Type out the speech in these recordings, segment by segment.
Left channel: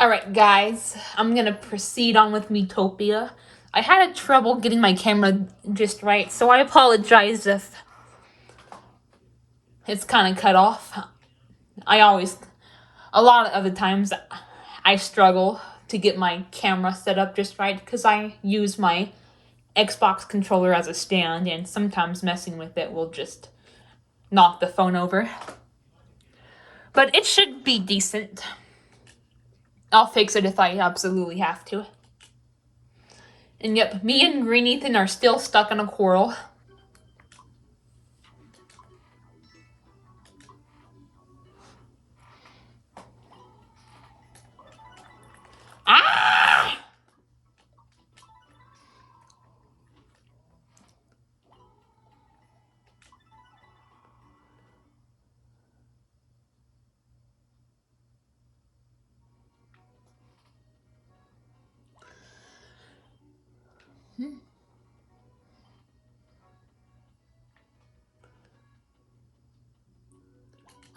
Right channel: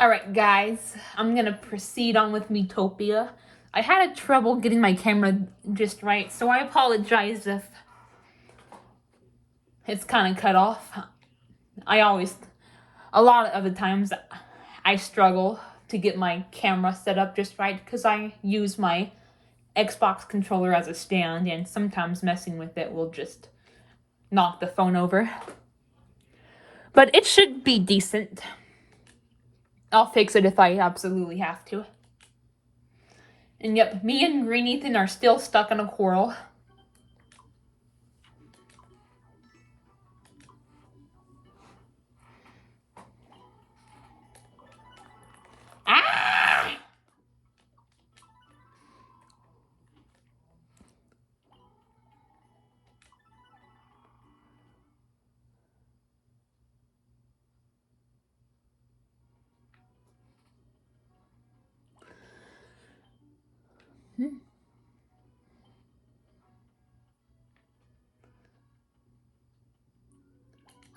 Alright guys, I'm gonna proceed on with Miitopia. I had trouble getting my camera just right, so I apologize if it's kind of cut off. A lot of the times, I struggle to get my camera set up just right because I use my Xbox controller as a stand, and sometimes messing with it will just knock the phone over. But it should be decent. I'll fix it if I absolutely have to. And yep, me and Green Ethan are still stuck in a quarrel. Ah!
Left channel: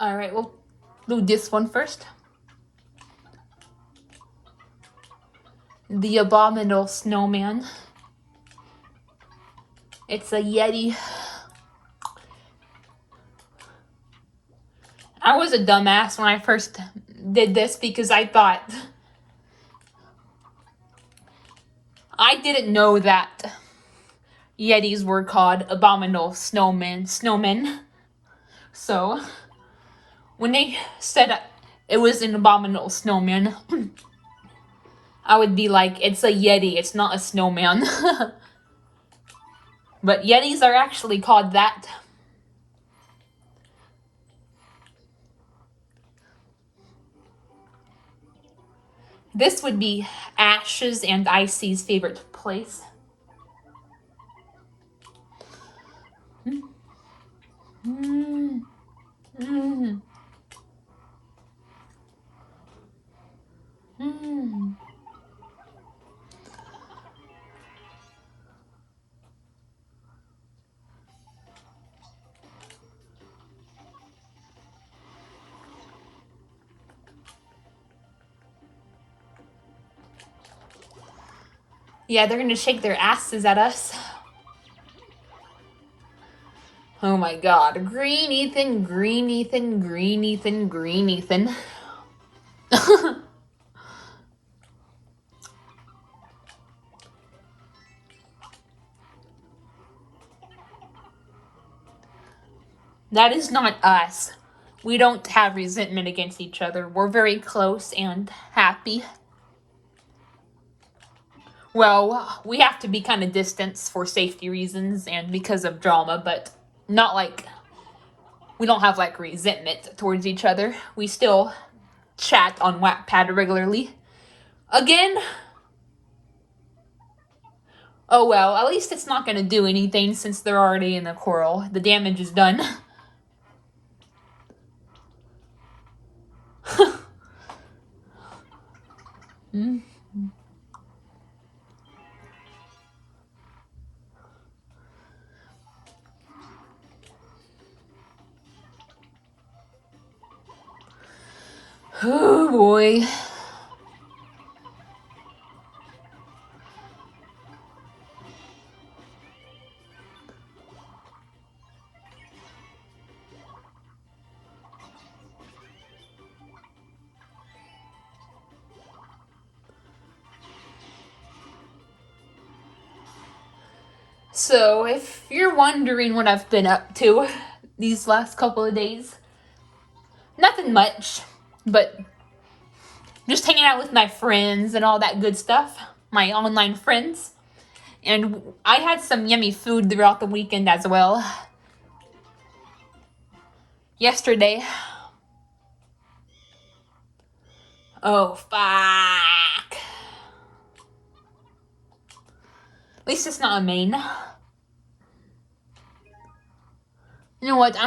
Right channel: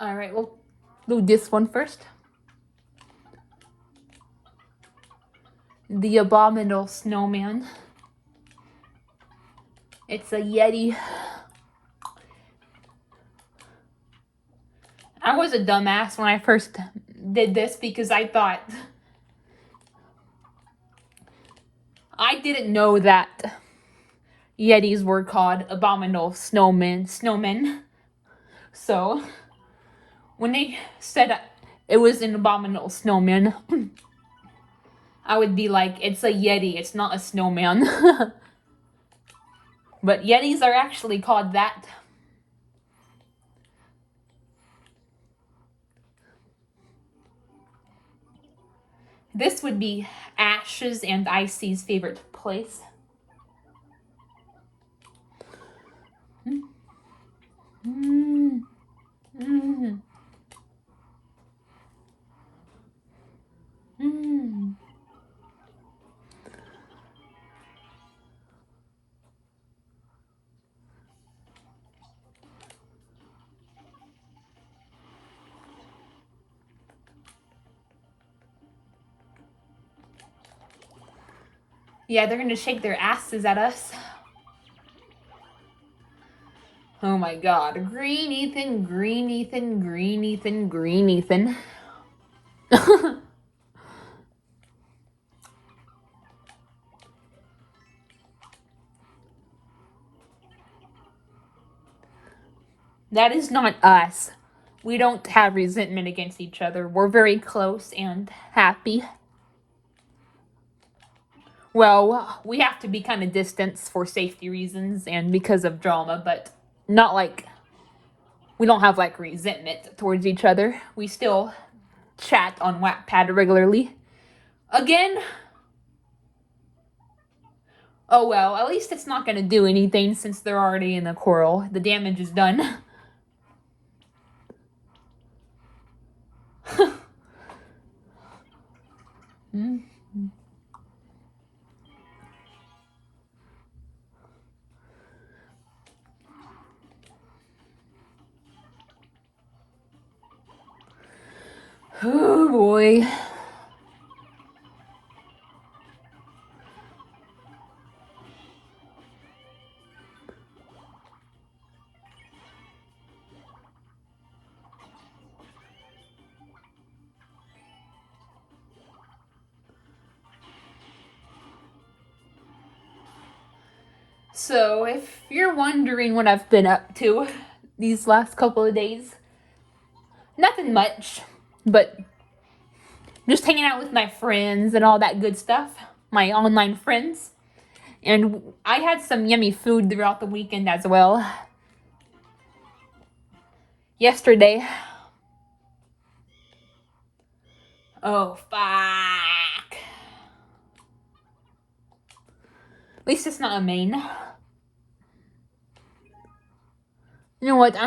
Alright, we'll do this one first. The abominable snowman. It's a Yeti. I was a dumbass when I first did this because I thought I didn't know that Yetis were called abominable snowmen. So when they said it was an abominable snowman, I would be like, it's a Yeti, it's not a snowman. But Yetis are actually called that. This would be Ash's and Icy's favorite place. Yeah, they're gonna shake their asses at us. Oh my god. Green Ethan, Green Ethan, Green Ethan, Green Ethan. That is not us. We don't have resentment against each other. We're very close and happy. Well, we have to be kind of distant for safety reasons and because of drama, but not like we don't have like resentment towards each other. We still chat on Wattpad regularly. Again, oh well, at least it's not going to do anything since they're already in the quarrel. The damage is done. Oh boy. So, if you're wondering what I've been up to these last couple of days, nothing much, but just hanging out with my friends and all that good stuff, my online friends. And I had some yummy food throughout the weekend as well. Yesterday. Oh, fuck. At least it's not a main. You know what?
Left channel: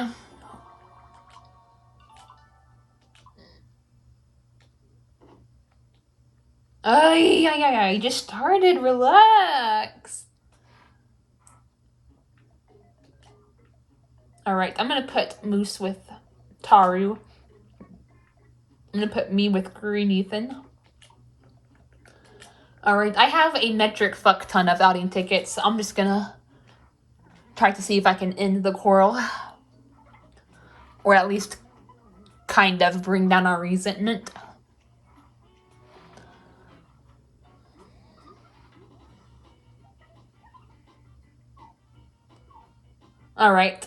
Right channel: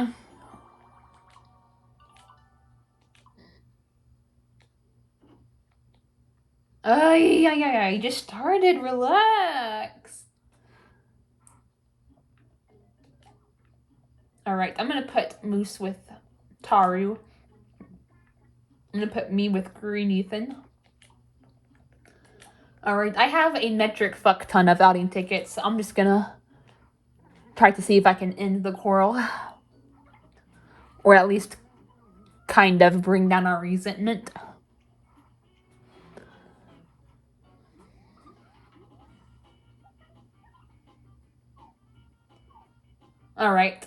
I just started. Relax. Alright, I'm gonna put Moose with Taru. I'm gonna put me with Green Ethan. Alright, I have a metric fuck ton of outing tickets. I'm just gonna try to see if I can end the quarrel. Or at least kind of bring down our resentment. Alright.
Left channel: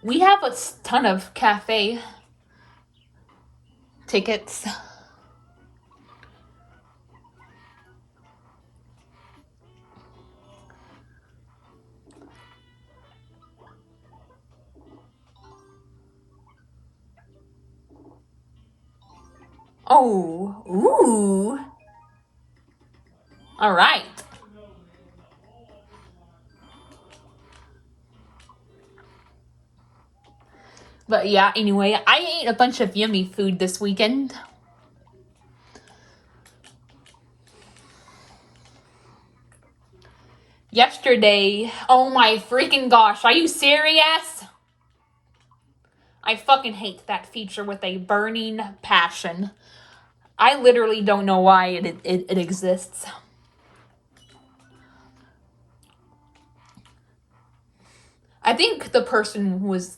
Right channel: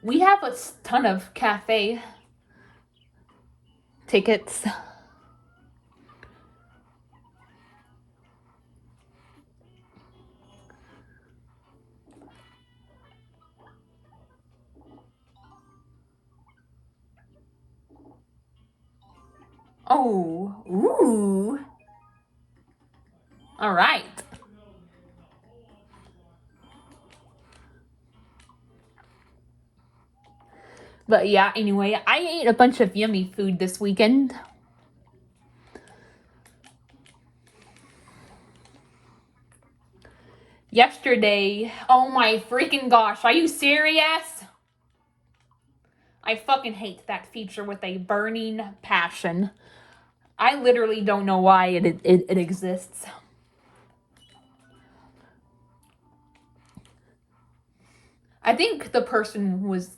We have a ton of cafe tickets. Oh, ooh. All right. But yeah, anyway, I ate a bunch of yummy food this weekend. Yesterday, oh my freaking gosh, are you serious? I fucking hate that feature with a burning passion. I literally don't know why it exists. I think the person was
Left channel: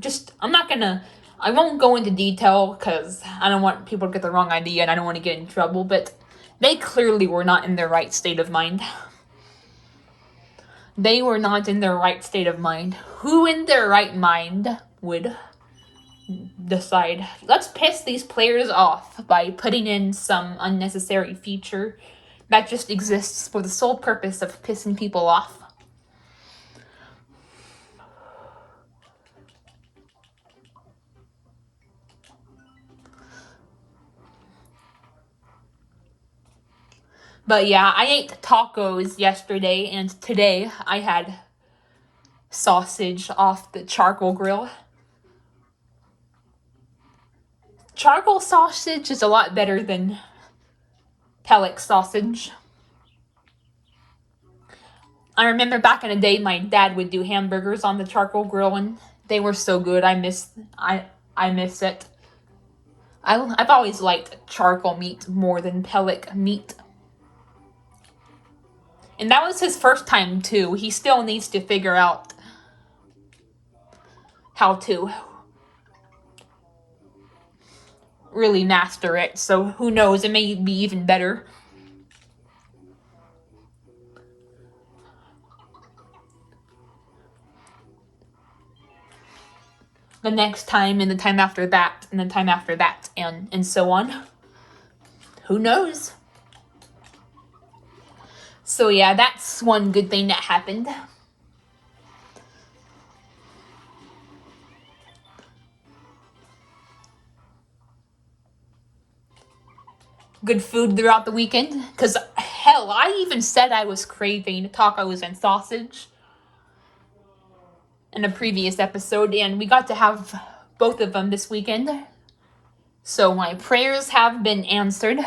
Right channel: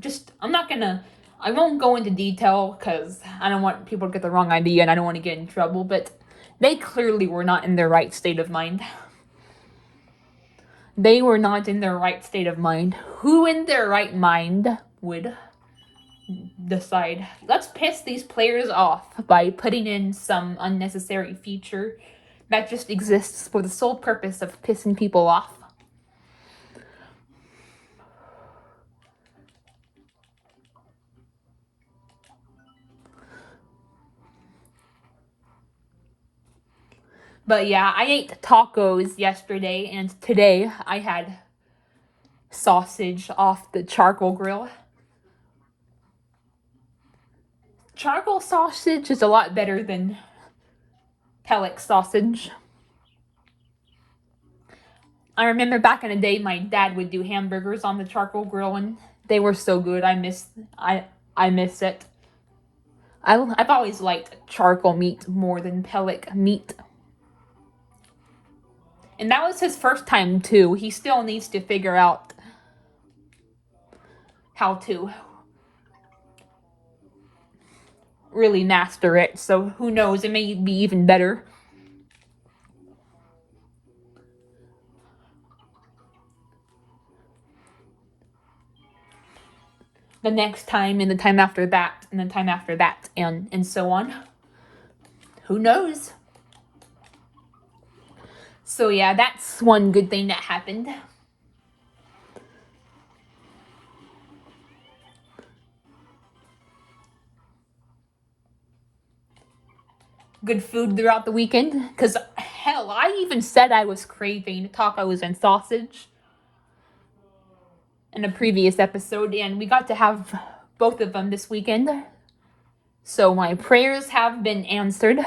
just, I won't go into detail because I don't want people to get the wrong idea and I don't want to get in trouble, but they clearly were not in their right state of mind. They were not in their right state of mind. Who in their right mind would decide, let's piss these players off by putting in some unnecessary feature that just exists for the sole purpose of pissing people off? But yeah, I ate tacos yesterday, and today I had sausage off the charcoal grill. Charcoal sausage is a lot better than pellet sausage. I remember back in the day, my dad would do hamburgers on the charcoal grill, and they were so good. I miss it. I've always liked charcoal meat more than pellet meat. And that was his first time too. He still needs to figure out how to really master it. So who knows, it may be even better. The next time, and the time after that, and the time after that, and so on. Who knows? So yeah, that's one good thing that happened. Good food throughout the weekend. Because, hell, I even said I was craving tacos and sausage in a previous episode, and we got to have both of them this weekend. So my prayers have been answered.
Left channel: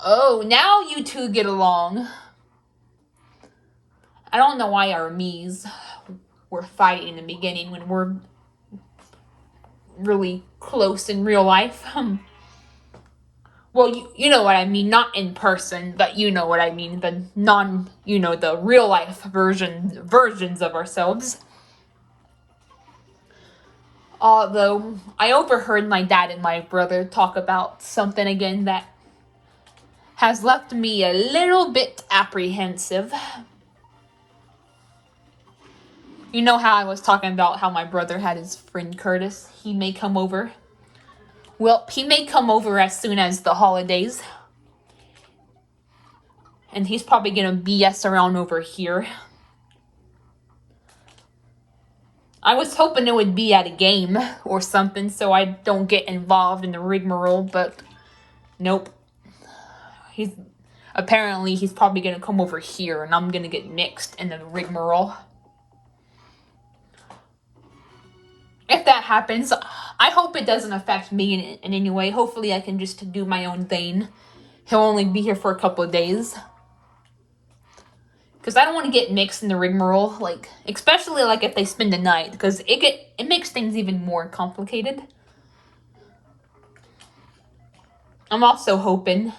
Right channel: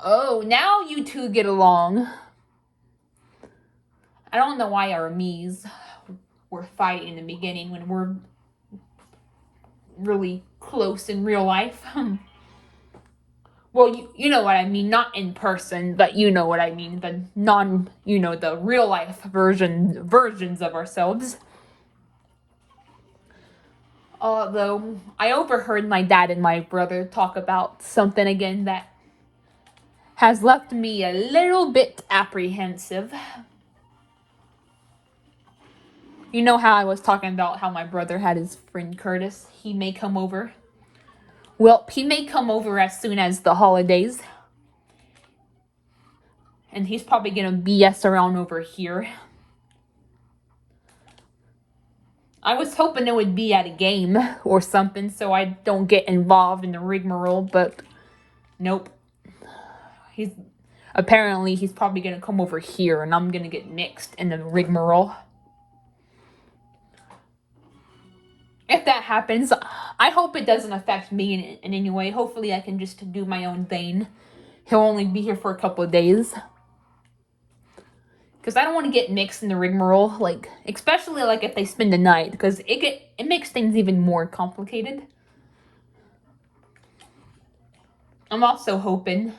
Oh, now you two get along. I don't know why our me's were fighting in the beginning when we're really close in real life. Well, you know what I mean, not in person, but you know what I mean, the real life versions of ourselves. Although, I overheard my dad and my brother talk about something again that has left me a little bit apprehensive. You know how I was talking about how my brother had his friend Curtis? He may come over. Well, he may come over as soon as the holidays. And he's probably gonna BS around over here. I was hoping it would be at a game or something so I don't get involved in the rigmarole, but nope. He's probably gonna come over here and I'm gonna get mixed in the rigmarole. If that happens, I hope it doesn't affect me in any way. Hopefully I can just do my own thing. He'll only be here for a couple of days. because I don't want to get mixed in the rigmarole, like, especially like if they spend the night, because it makes things even more complicated. I'm also hoping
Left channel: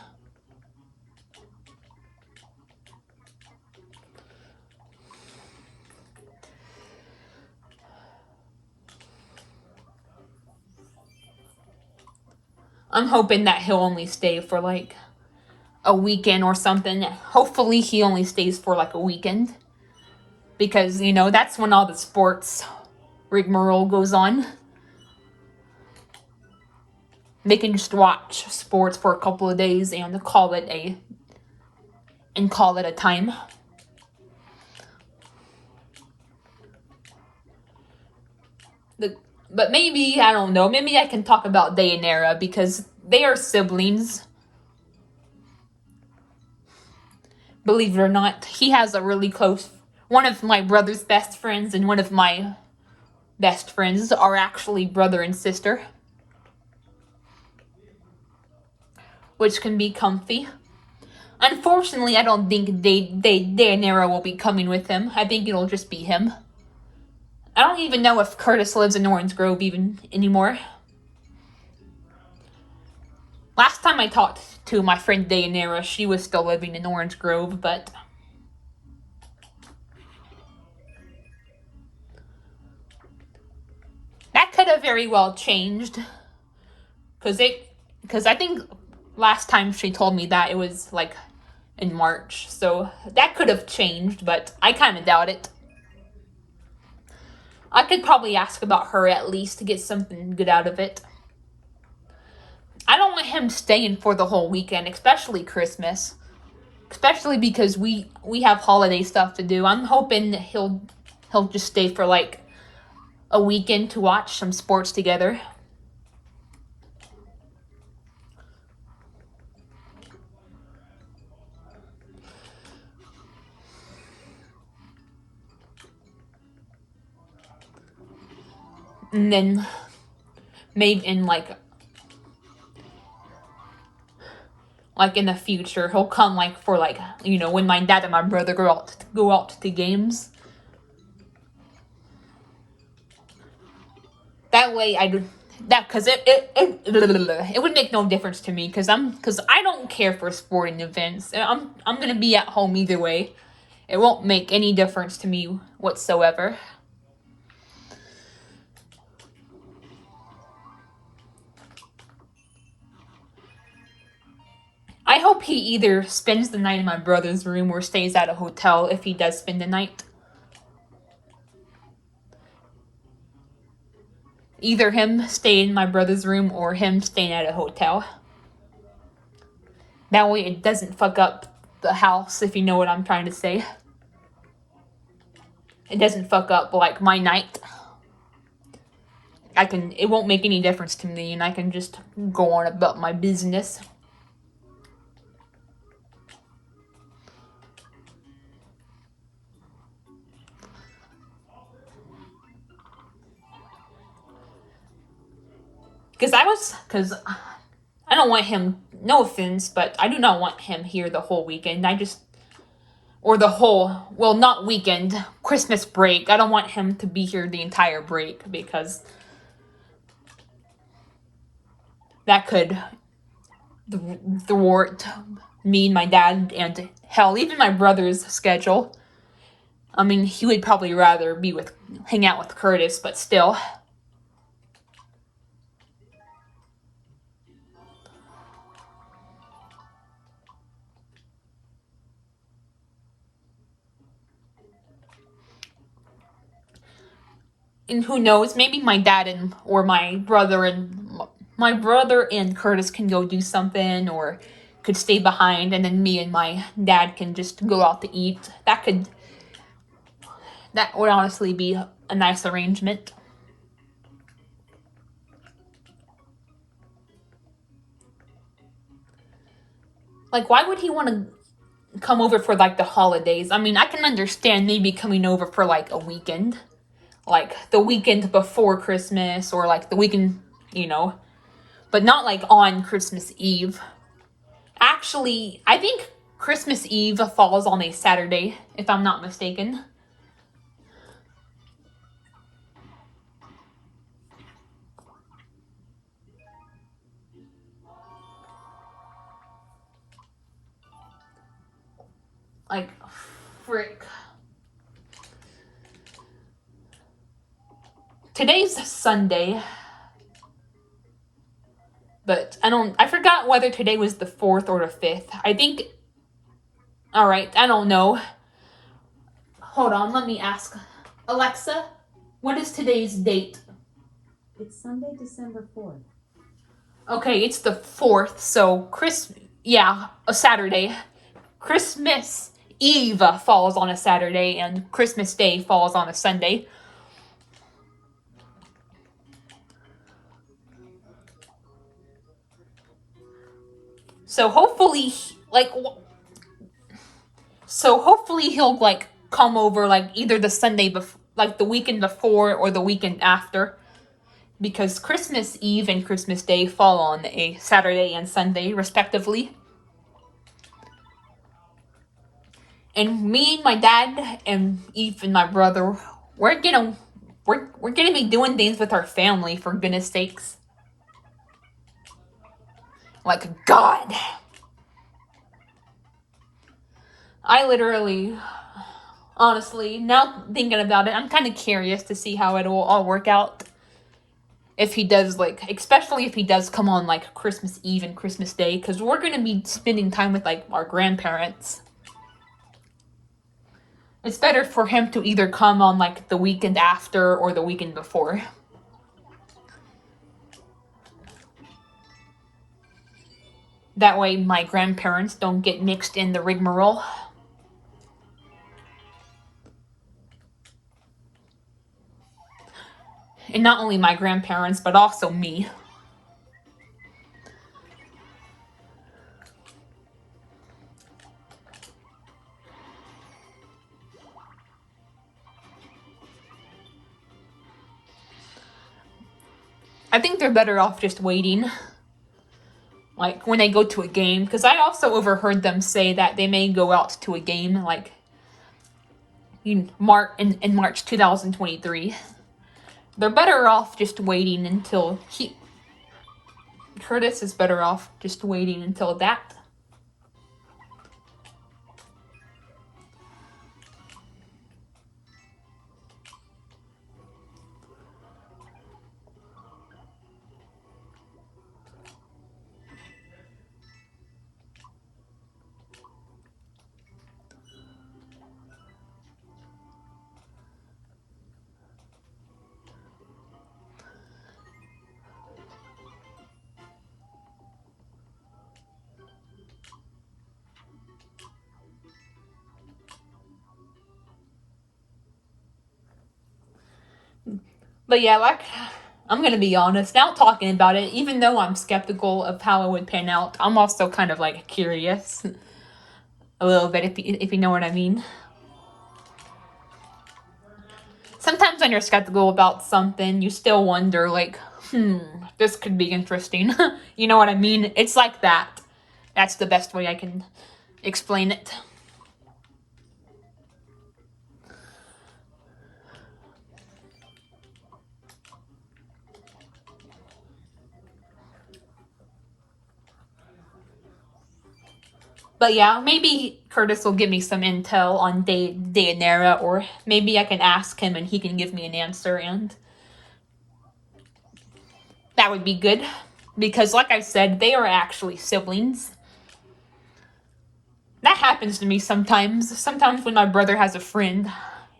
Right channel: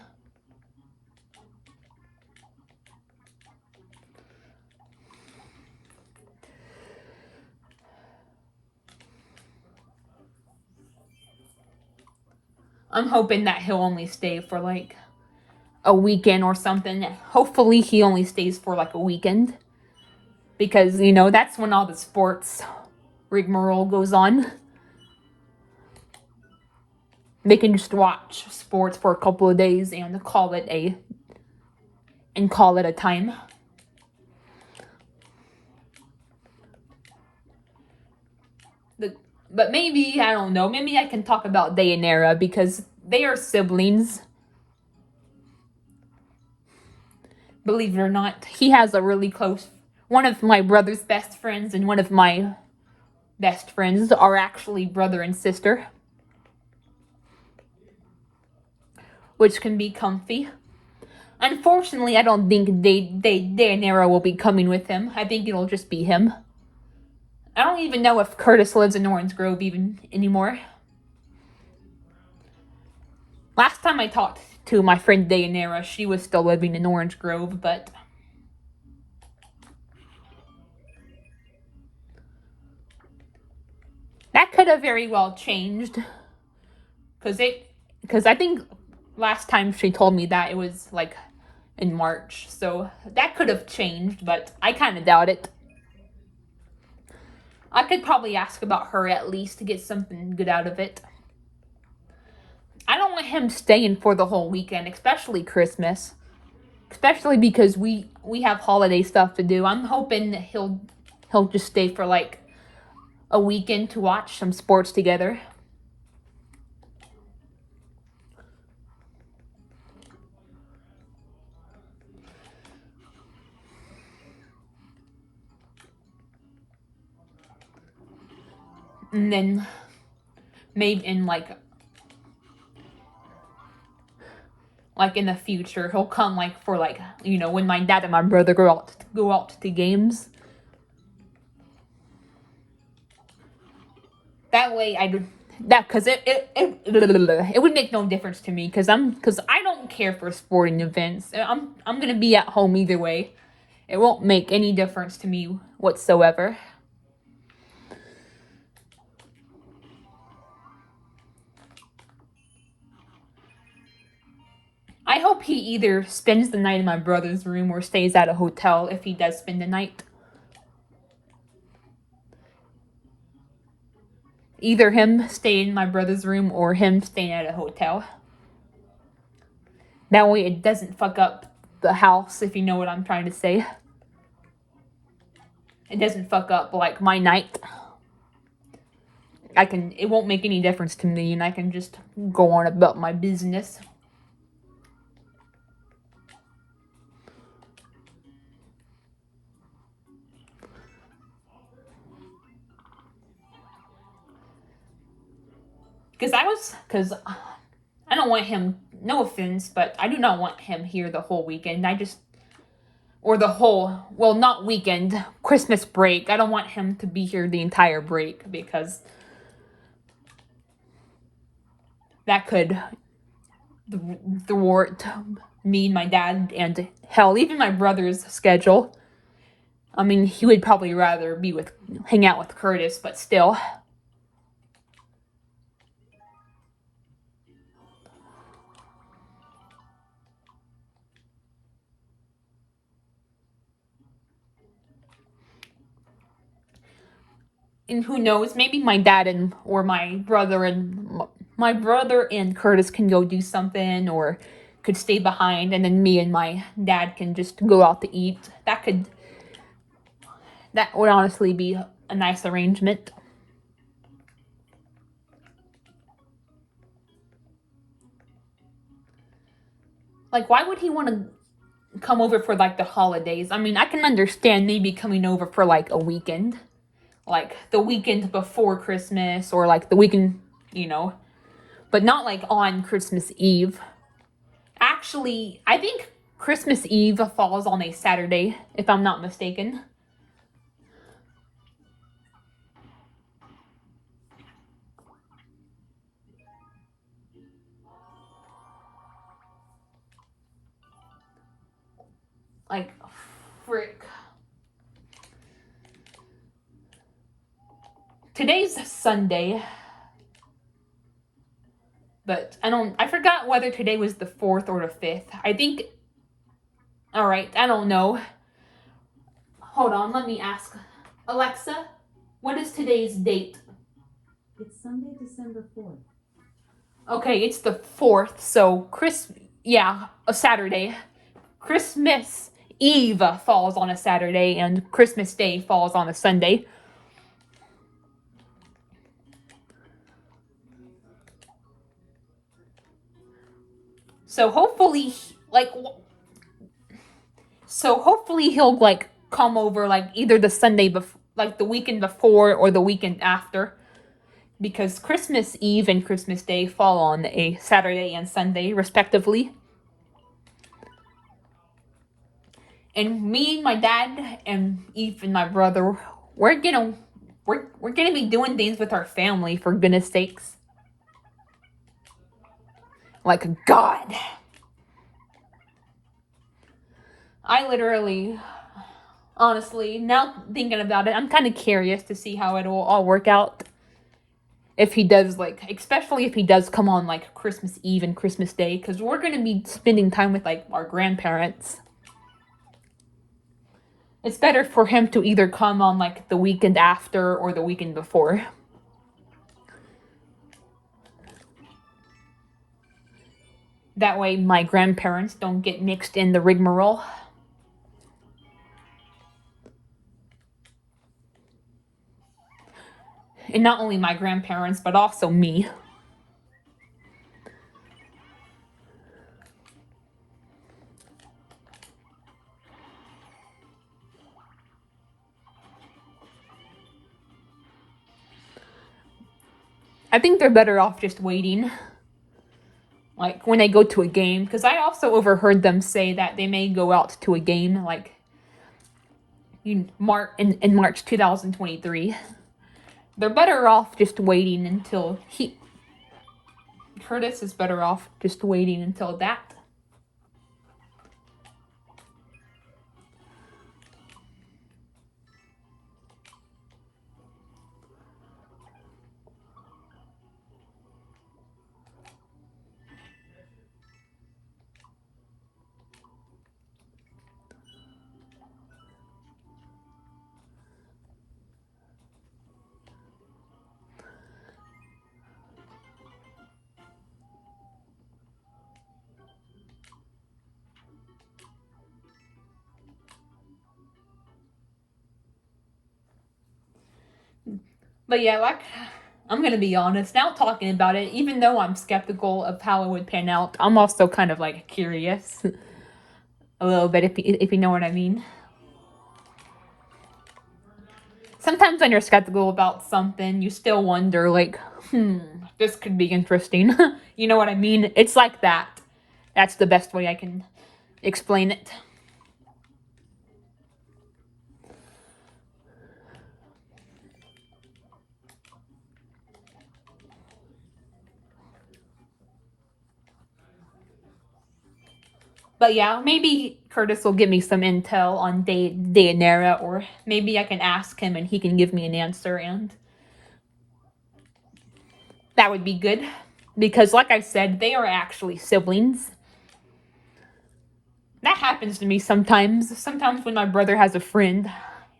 that he'll only stay for like a weekend or something. Hopefully he only stays for like a weekend, because you know that's when all the sports rigmarole goes on. They can just watch sports for a couple of days and call it a time. But maybe, I don't know, maybe I can talk about Dayanara because they are siblings. Believe it or not, he has a really close, one of my brother's best friends and one of my best friends are actually brother and sister, which can be comfy. Unfortunately, I don't think Dayanara will be coming with him. I think it'll just be him. I don't even know if Curtis lives in Orange Grove even anymore. Last time I talked to my friend Dayanara, she was still living in Orange Grove, but that could have very well changed. Because I think last time she told me that it was like in March, so that could have changed, but I kind of doubt it. I could probably ask about her at least to get something good out of it. I don't want him staying for the whole weekend, especially Christmas. Especially because we have holiday stuff to do. I'm hoping that he'll just stay for like a weekend to watch some sports together. And then maybe in like in the future he'll come like for like, you know, when my dad and my brother go out to games. That way because it would make no difference to me because I don't care for sporting events. I'm gonna be at home either way. It won't make any difference to me whatsoever. I hope he either spends the night in my brother's room or stays at a hotel if he does spend the night. Either him stay in my brother's room or him staying at a hotel. That way it doesn't fuck up the house, if you know what I'm trying to say. It doesn't fuck up like my night. It won't make any difference to me and I can just go on about my business. Because I don't want him, no offense, but I do not want him here the whole weekend. Or the whole, well, not weekend, Christmas break. I don't want him to be here the entire break because that could thwart me and my dad and hell, even my brother's schedule. I mean, he would probably rather hang out with Curtis, but still. And who knows, maybe my dad or my brother and Curtis can go do something or could stay behind and then me and my dad can just go out to eat. That would honestly be a nice arrangement. Like, why would he want to come over for like the holidays? I mean, I can understand maybe coming over for like a weekend. Like the weekend before Christmas or like the weekend, you know, but not like on Christmas Eve. Actually, I think Christmas Eve falls on a Saturday, if I'm not mistaken. Like, frick. Today's Sunday. But I forgot whether today was the 4th or the 5th. I think, alright, I don't know. Hold on, let me ask. Alexa, what is today's date? It's Sunday, December 4th. Okay, it's the 4th, so a Saturday. Christmas Eve falls on a Saturday, and Christmas Day falls on a Sunday. So hopefully, he'll like come over like either the Sunday before, like the weekend before or the weekend after, because Christmas Eve and Christmas Day fall on a Saturday and Sunday respectively. And me and my dad and Eve and my brother, we're gonna be doing things with our family, for goodness sakes. Like, God. I literally, honestly, now thinking about it, I'm kind of curious to see how it'll all work out. If he does, like, especially if he does come on, like, Christmas Eve and Christmas Day, because we're going to be spending time with, like, our grandparents. It's better for him to either come on, like, the weekend after or the weekend before. That way my grandparents don't get mixed in the rigmarole. And not only my grandparents, but also me. I think they're better off just waiting. Like, when they go to a game. Because I also overheard them say that they may go out to a game, like, in March 2023. They're better off just waiting until Curtis is better off just waiting until that. But yeah, like, I'm gonna be honest, now talking about it, even though I'm skeptical of how it would pan out, I'm also kind of, like, curious. A little bit, if you know what I mean. Sometimes when you're skeptical about something, you still wonder, like, this could be interesting. You know what I mean? It's like that. That's the best way I can explain it. But yeah, maybe Curtis will give me some intel on Daenerys, or maybe I can ask him and he can give me an answer, and that would be good. Because like I said, they are actually siblings. That happens to me sometimes. Sometimes when my brother has a friend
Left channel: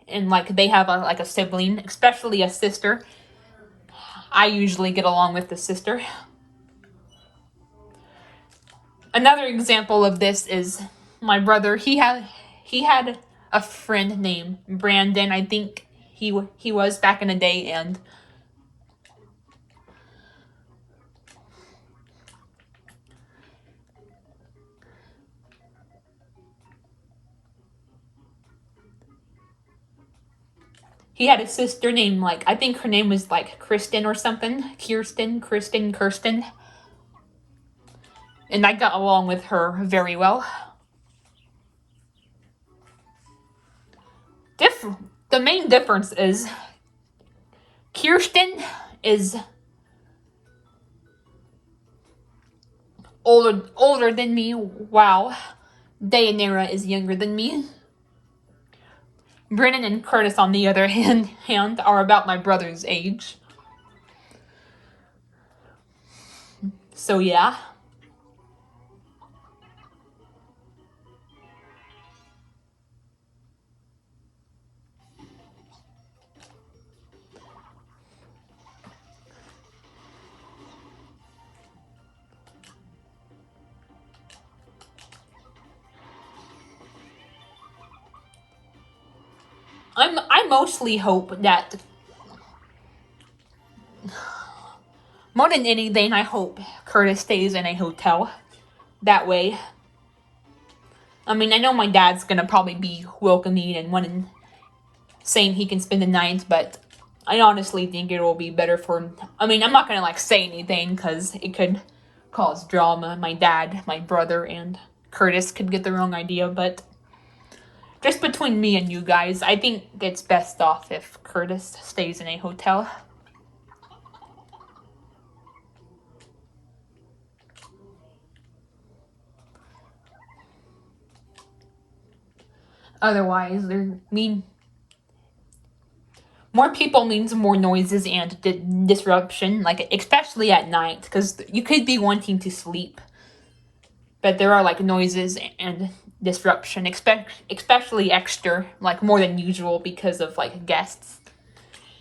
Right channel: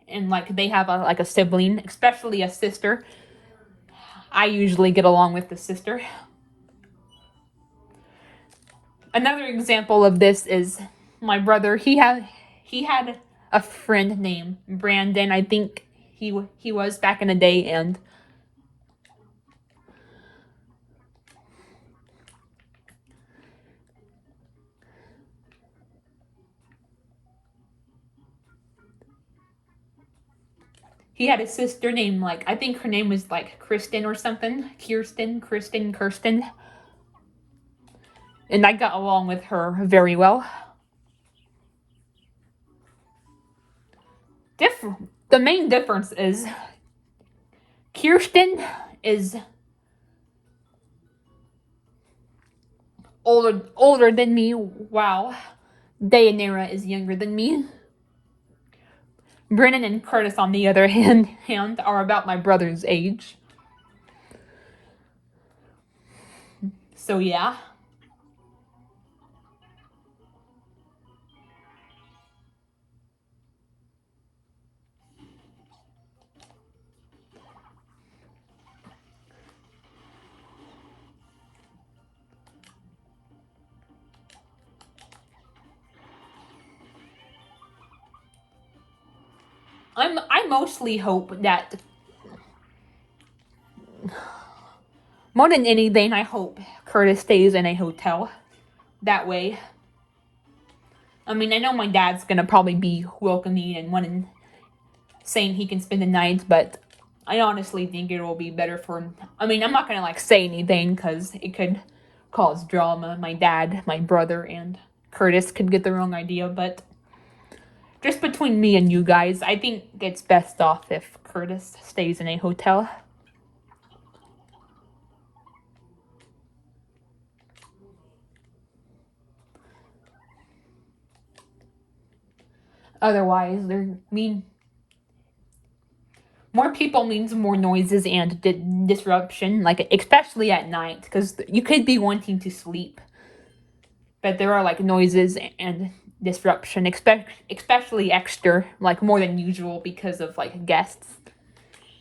and like they have a sibling, especially a sister, I usually get along with the sister. Another example of this is my brother. He had a friend named Brandon. I think he was back in the day, and he had a sister named, like, I think her name was like Kristen or something. Kirsten. And I got along with her very well. The main difference is Kirsten is older than me. Wow. Dayanara is younger than me. Brennan and Curtis, on the other hand, are about my brother's age. So yeah. I mostly hope that, more than anything, I hope Curtis stays in a hotel. That way, I mean, I know my dad's gonna probably be welcoming and wanting, saying he can spend the night, but I honestly think it will be better for him. I mean, I'm not gonna like say anything because it could cause drama. My dad, my brother, and Curtis could get the wrong idea, but just between me and you guys, I think it's best off if Curtis stays in a hotel. Otherwise, more people means more noises and disruption, like especially at night, because you could be wanting to sleep, but there are like noises and disruption, especially extra, like more than usual because of like guests.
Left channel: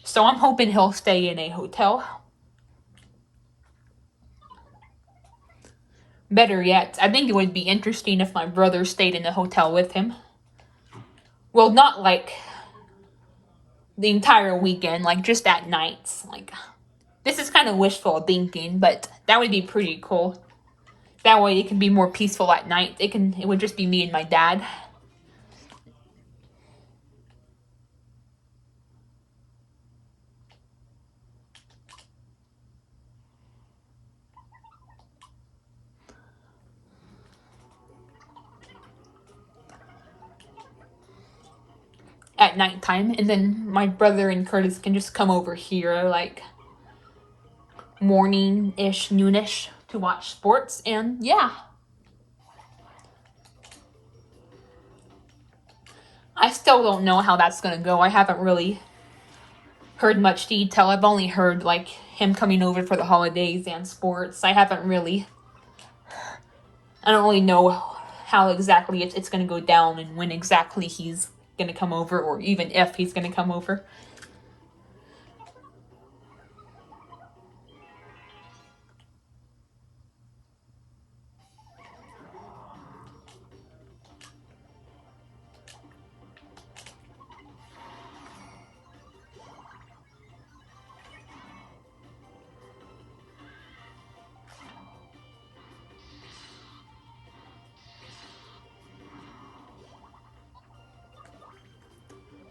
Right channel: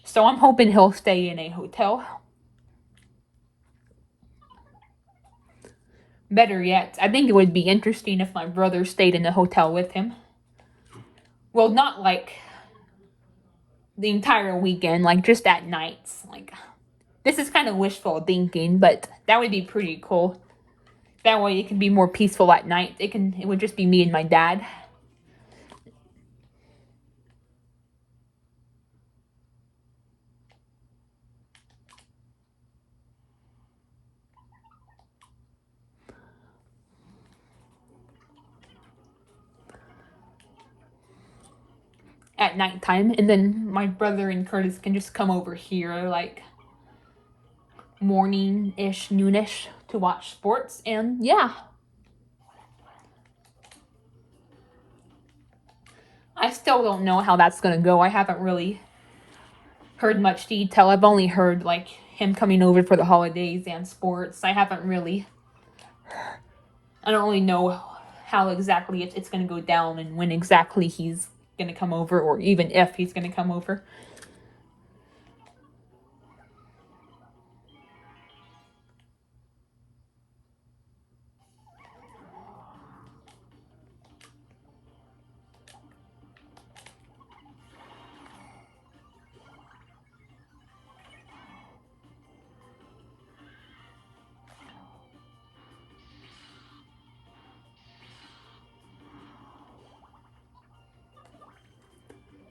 So I'm hoping he'll stay in a hotel. Better yet, I think it would be interesting if my brother stayed in a hotel with him. Well, not like the entire weekend, like just at nights. Like, this is kind of wishful thinking, but that would be pretty cool. That way it can be more peaceful at night. It would just be me and my dad. At nighttime, and then my brother and Curtis can just come over here like morning-ish, noonish to watch sports, and yeah. I still don't know how that's gonna go. I haven't really heard much detail. I've only heard like him coming over for the holidays and sports. I don't really know how exactly it's gonna go down and when exactly he's gonna come over, or even if he's gonna come over.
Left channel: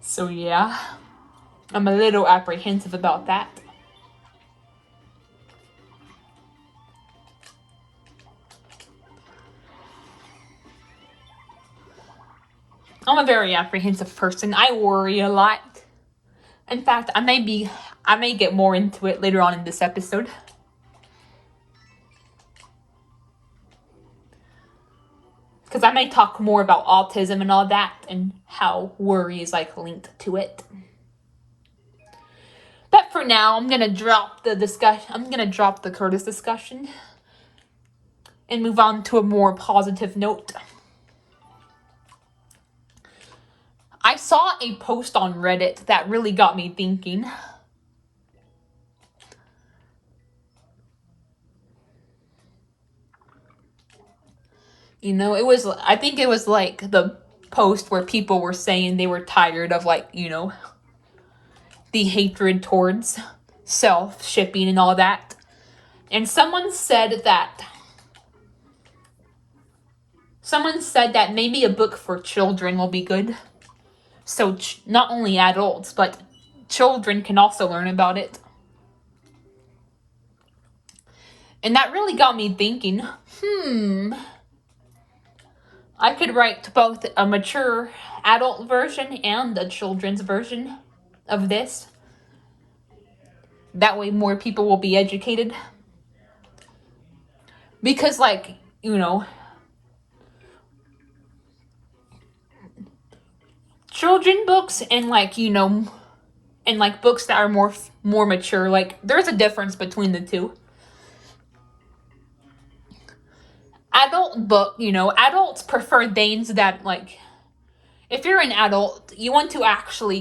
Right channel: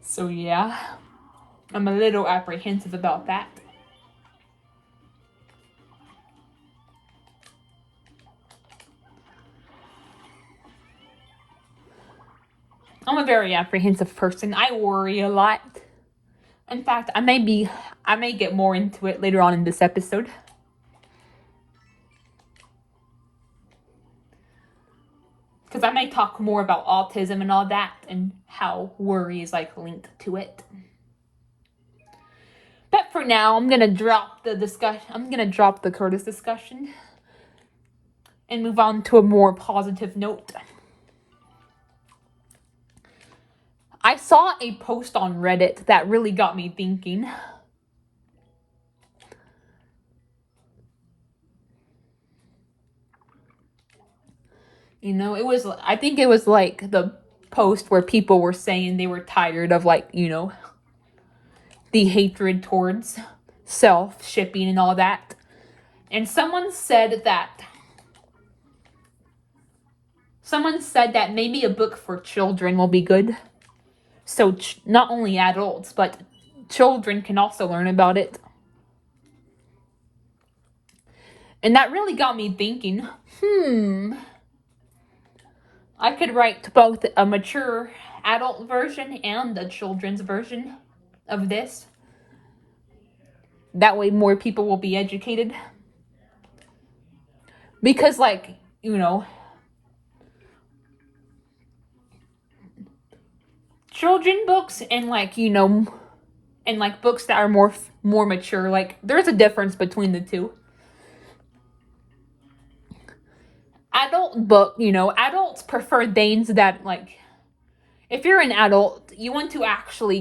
So yeah, I'm a little apprehensive about that. I'm a very apprehensive person. I worry a lot. In fact, I may get more into it later on in this episode. Because I may talk more about autism and all that and how worry is like linked to it. But for now, I'm gonna drop the discussion. I'm gonna drop the Curtis discussion and move on to a more positive note. I saw a post on Reddit that really got me thinking. You know, I think it was like the post where people were saying they were tired of like, the hatred towards self-shipping and all that. And someone said that maybe a book for children will be good. So not only adults, but children can also learn about it. And that really got me thinking, I could write both a mature adult version and a children's version of this. That way more people will be educated. Because, like, children books and, like, and, like, books that are more mature, like, there's a difference between the two. Adults prefer things that, like, if you're an adult, you want to actually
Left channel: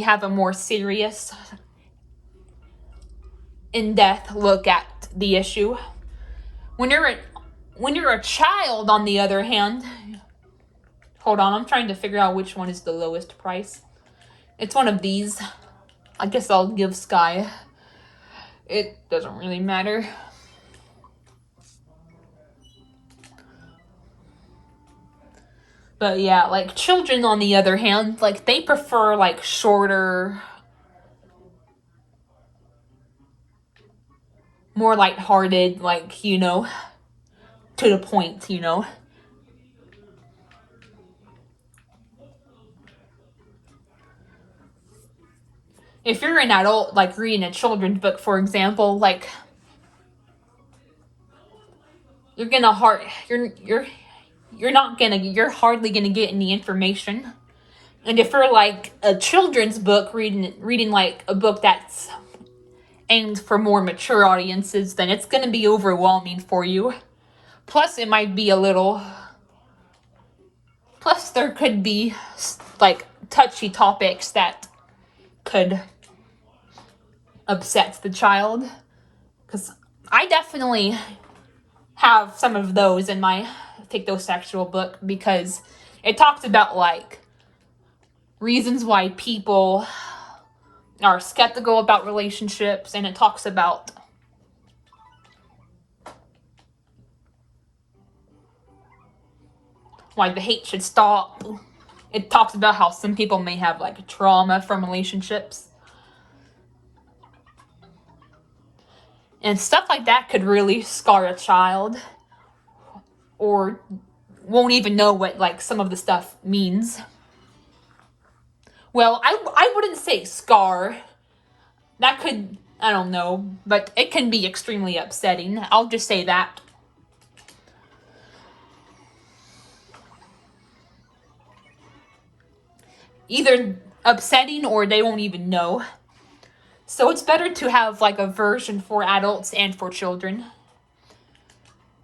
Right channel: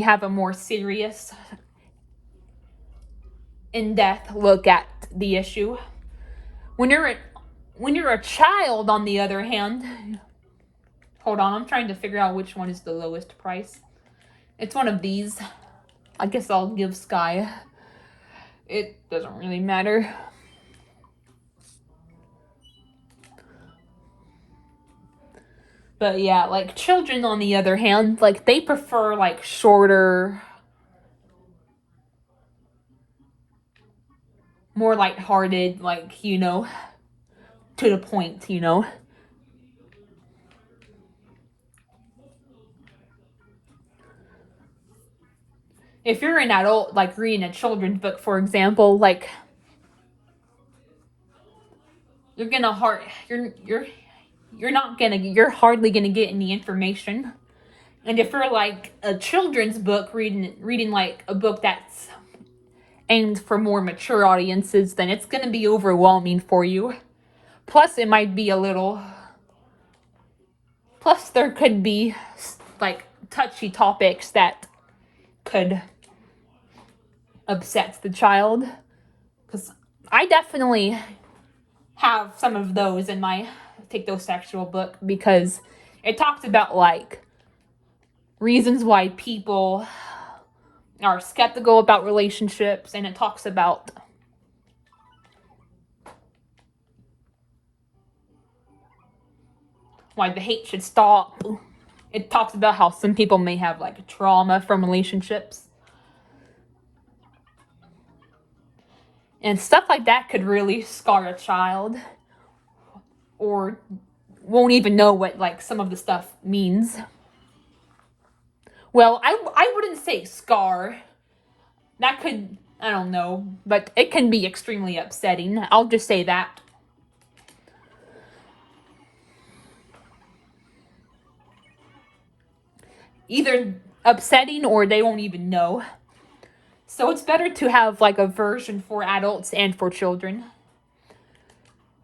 have a more serious, in-depth look at the issue. When you're a child, on the other hand, hold on, I'm trying to figure out which one is the lowest price. It's one of these. I guess I'll give Sky. It doesn't really matter. But yeah, like, children, on the other hand, like, they prefer, like, shorter, more lighthearted, like, to the point, If you're an adult, like, reading a children's book, for example, like, you're hardly gonna get any information. And if you're, like, a children's book, reading like a book that's aimed for more mature audiences, then it's gonna be overwhelming for you. Plus, it might be plus there could be, like, touchy topics that could upset the child. Because I definitely have some of those in my Fictosexual book, because it talks about, like, reasons why people are skeptical about relationships, and it talks about why the hate should stop. It talks about how some people may have, like, trauma from relationships. And stuff like that could really scar a child, or won't even know what, like, some of the stuff means. Well, I wouldn't say scar. That could, I don't know, but it can be extremely upsetting. I'll just say that. Either upsetting or they won't even know. So it's better to have, like, a version for adults and for children,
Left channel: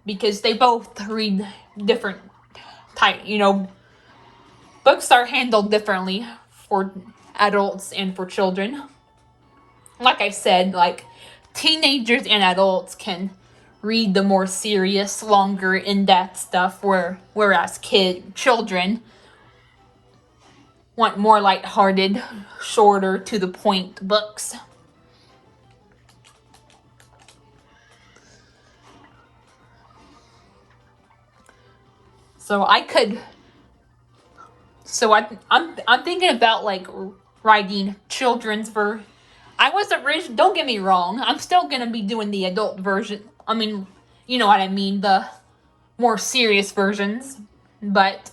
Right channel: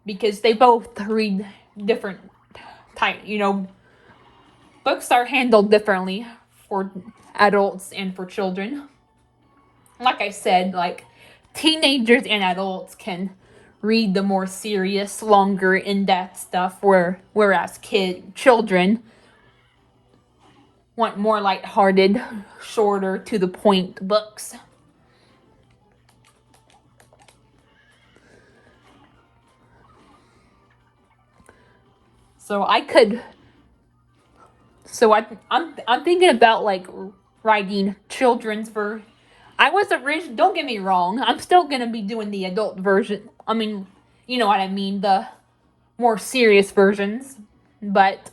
because they both read different type, books are handled differently for adults and for children. Like I said, like, teenagers and adults can read the more serious, longer, in-depth stuff, whereas children want more lighthearted, shorter, to the point books. So I'm thinking about, like, writing children's don't get me wrong, I'm still gonna be doing the adult version. I mean, you know what I mean, the more serious versions, but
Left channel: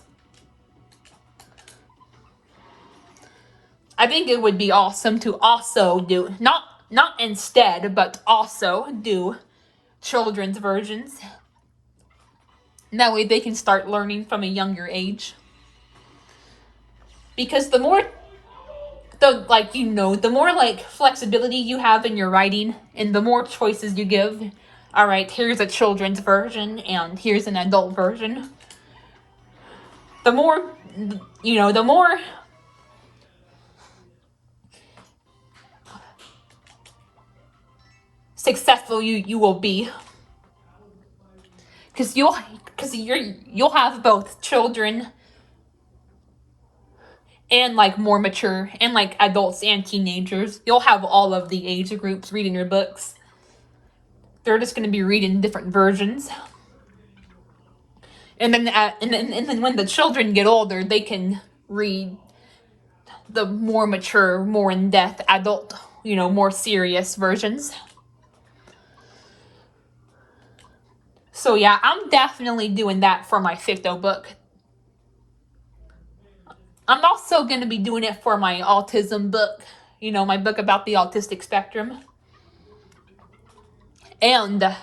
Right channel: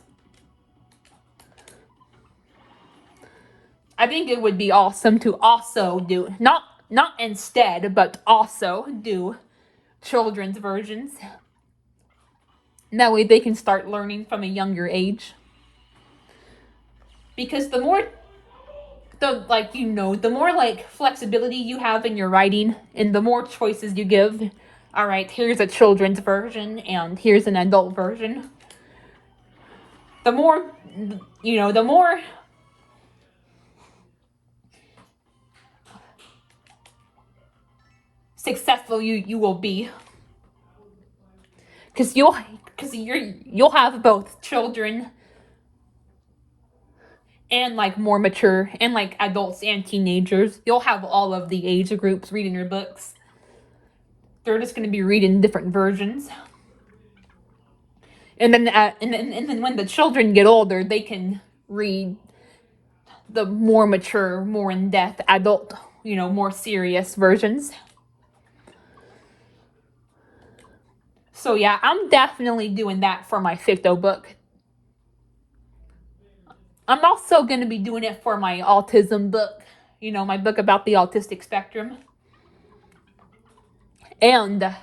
I think it would be awesome to also do, not instead, but also do children's versions. And that way they can start learning from a younger age. Because the more, like, flexibility you have in your writing, and the more choices you give, all right, here's a children's version and here's an adult version, the more successful you will be. Because you'll have both children and, like, more mature, and, like, adults and teenagers. You'll have all of the age groups reading your books. They're just going to be reading different versions. And then when the children get older, they can read the more mature, more in-depth adult, more serious versions. So yeah, I'm definitely doing that for my ficto book. I'm also going to be doing it for my autism book, my book about the autistic spectrum. And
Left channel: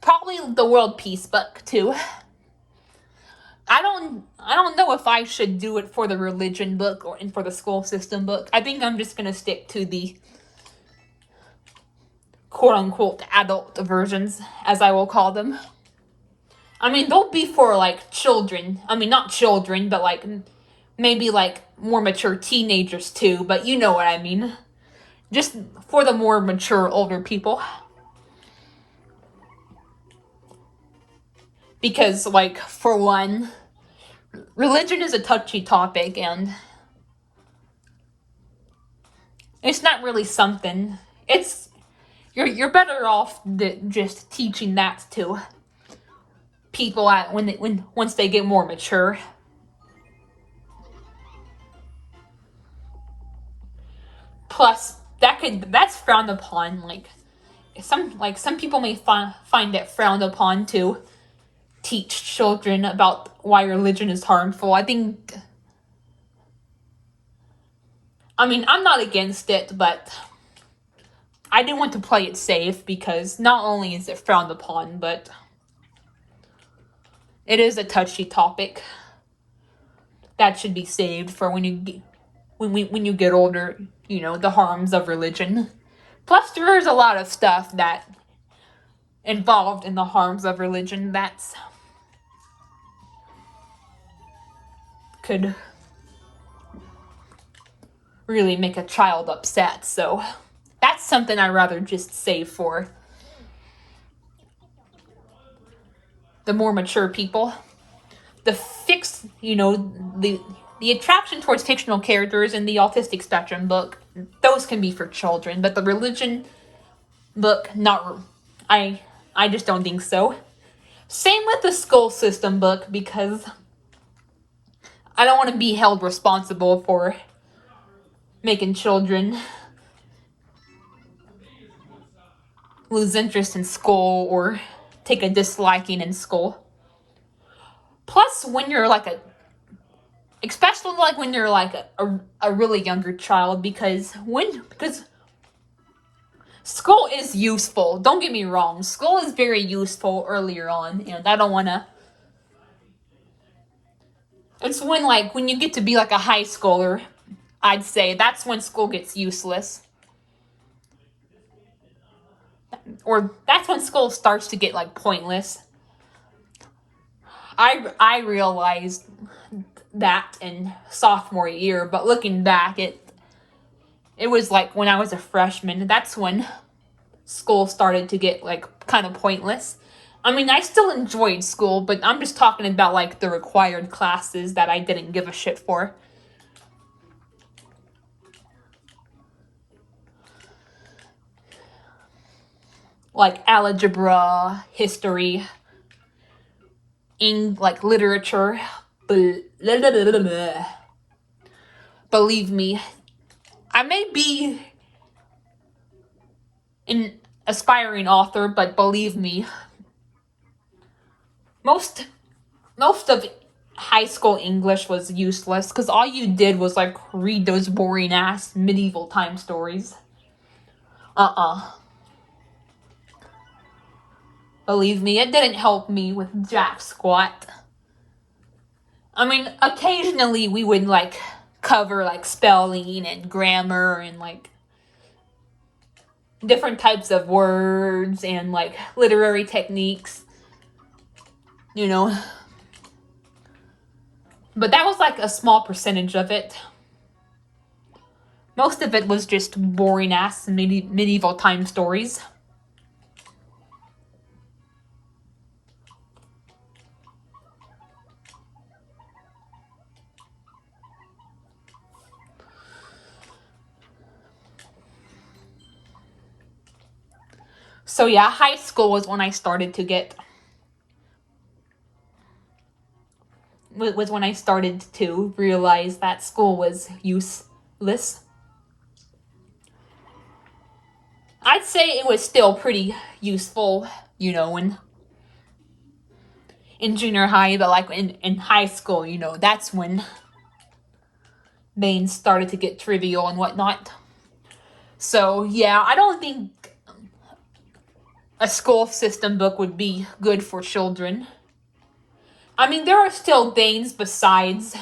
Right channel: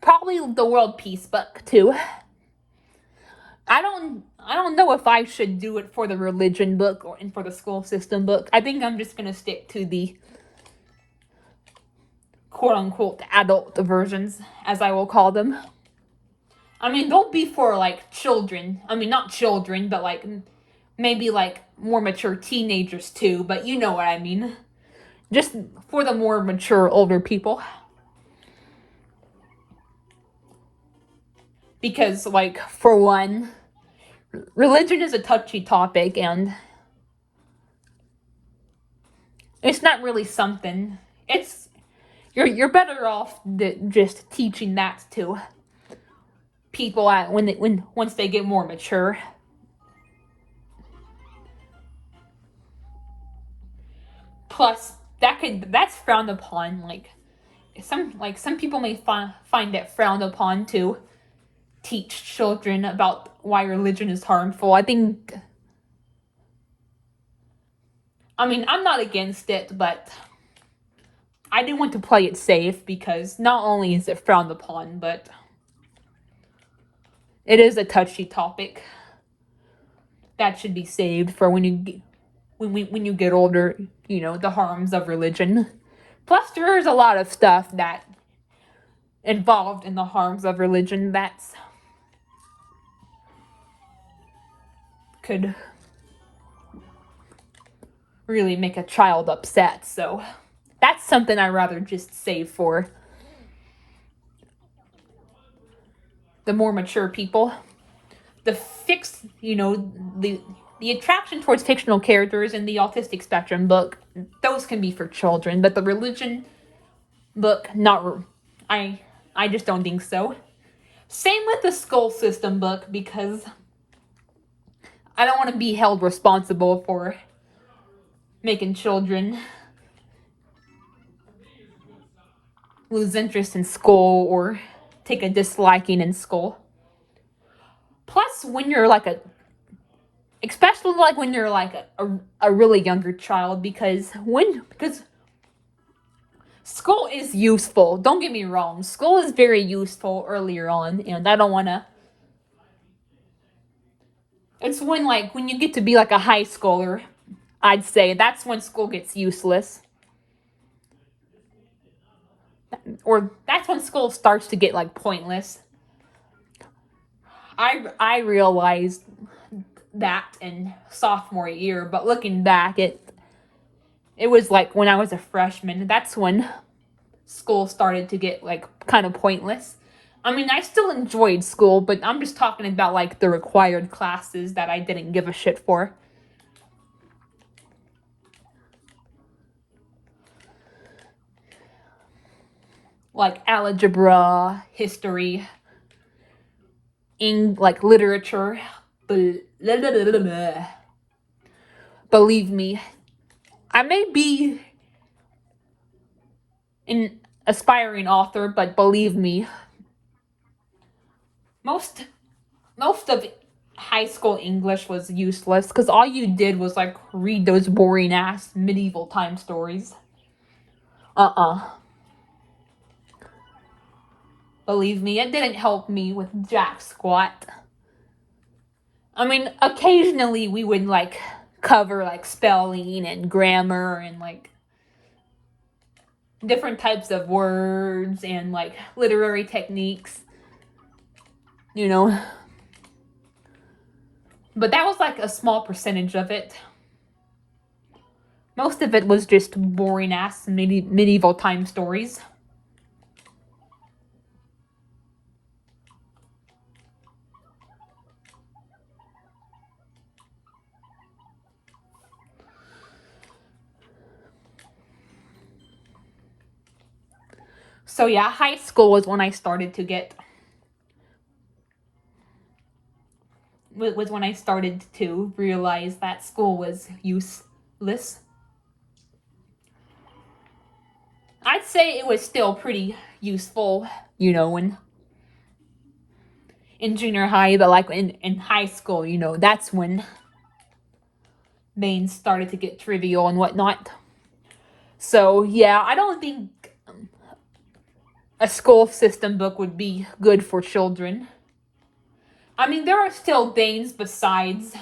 probably the world peace book too. I don't know if I should do it for the religion book and for the school system book. I think I'm just going to stick to the quote unquote adult versions, as I will call them. I mean, they'll be for like children. I mean, not children, but like maybe like more mature teenagers too, but you know what I mean. Just for the more mature older people. Because, like, for one, religion is a touchy topic, and it's not really something. You're better off just teaching that to people once they get more mature. Plus, that's frowned upon. Some people may find it frowned upon to teach children about why religion is harmful. I mean, I'm not against it, but I didn't want to play it safe because not only is it frowned upon, but it is a touchy topic that should be saved for when you get older, the harms of religion. Plus, there is a lot of stuff that involved in the harms of religion that's could really make a child upset. So that's something I'd rather just save for the more mature people. The the attraction towards fictional characters in the autistic spectrum book, those can be for children, but the religion book, I just don't think so. Same with the school system book, because I don't want to be held responsible for making children lose interest in school or take a disliking in school. Plus, when you're especially like when you're like a really younger child, because school is useful. Don't get me wrong. School is very useful earlier on, and I don't want to. It's when you get to be like a high schooler, I'd say that's when school gets useless. Or that's when school starts to get like pointless. I realized that in sophomore year, but looking back, it was like when I was a freshman. That's when school started to get like kind of pointless. I mean, I still enjoyed school, but I'm just talking about like the required classes that I didn't give a shit for. Like algebra, history, like literature. Believe me, I may be an aspiring author, but believe me, most of high school English was useless because all you did was like read those boring ass medieval time stories. Believe me, it didn't help me with jack squat. I mean, occasionally we would like cover like spelling and grammar and like different types of words and like literary techniques, you know. But that was like a small percentage of it. Most of it was just boring ass medieval time stories. So yeah, high school was when I started to get was when I started to realize that school was useless. I'd say it was still pretty useful, when in junior high, but like in high school, you know, that's when names started to get trivial and whatnot. So yeah, I don't think a school system book would be good for children. I mean, there are still things besides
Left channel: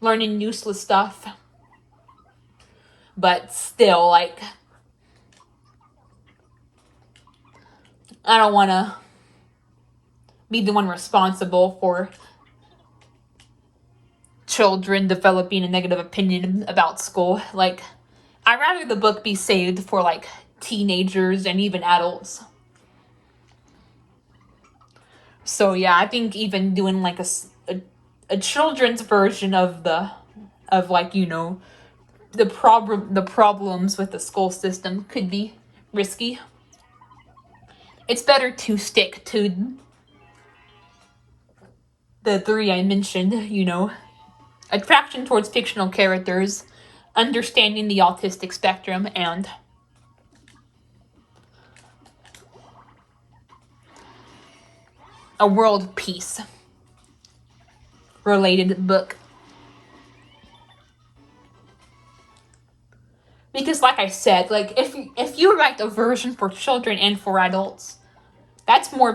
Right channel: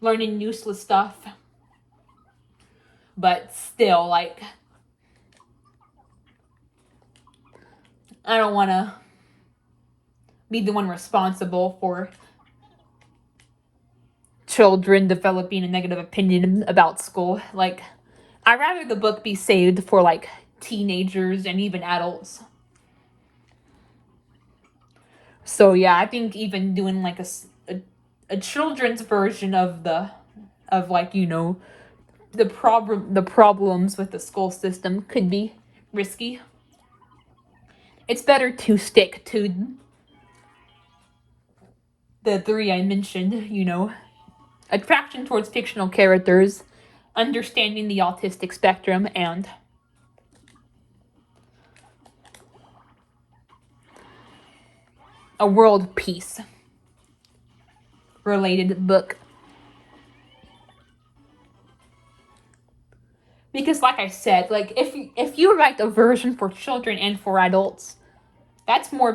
learning useless stuff, but still, like, I don't want to be the one responsible for children developing a negative opinion about school. Like, I'd rather the book be saved for like teenagers and even adults. So yeah, I think even doing like a children's version of like, you know, the problems with the school system could be risky. It's better to stick to the three I mentioned, you know, attraction towards fictional characters, understanding the autistic spectrum, and a world peace related book. Because like I said, like if you write a version for children and for adults, that's more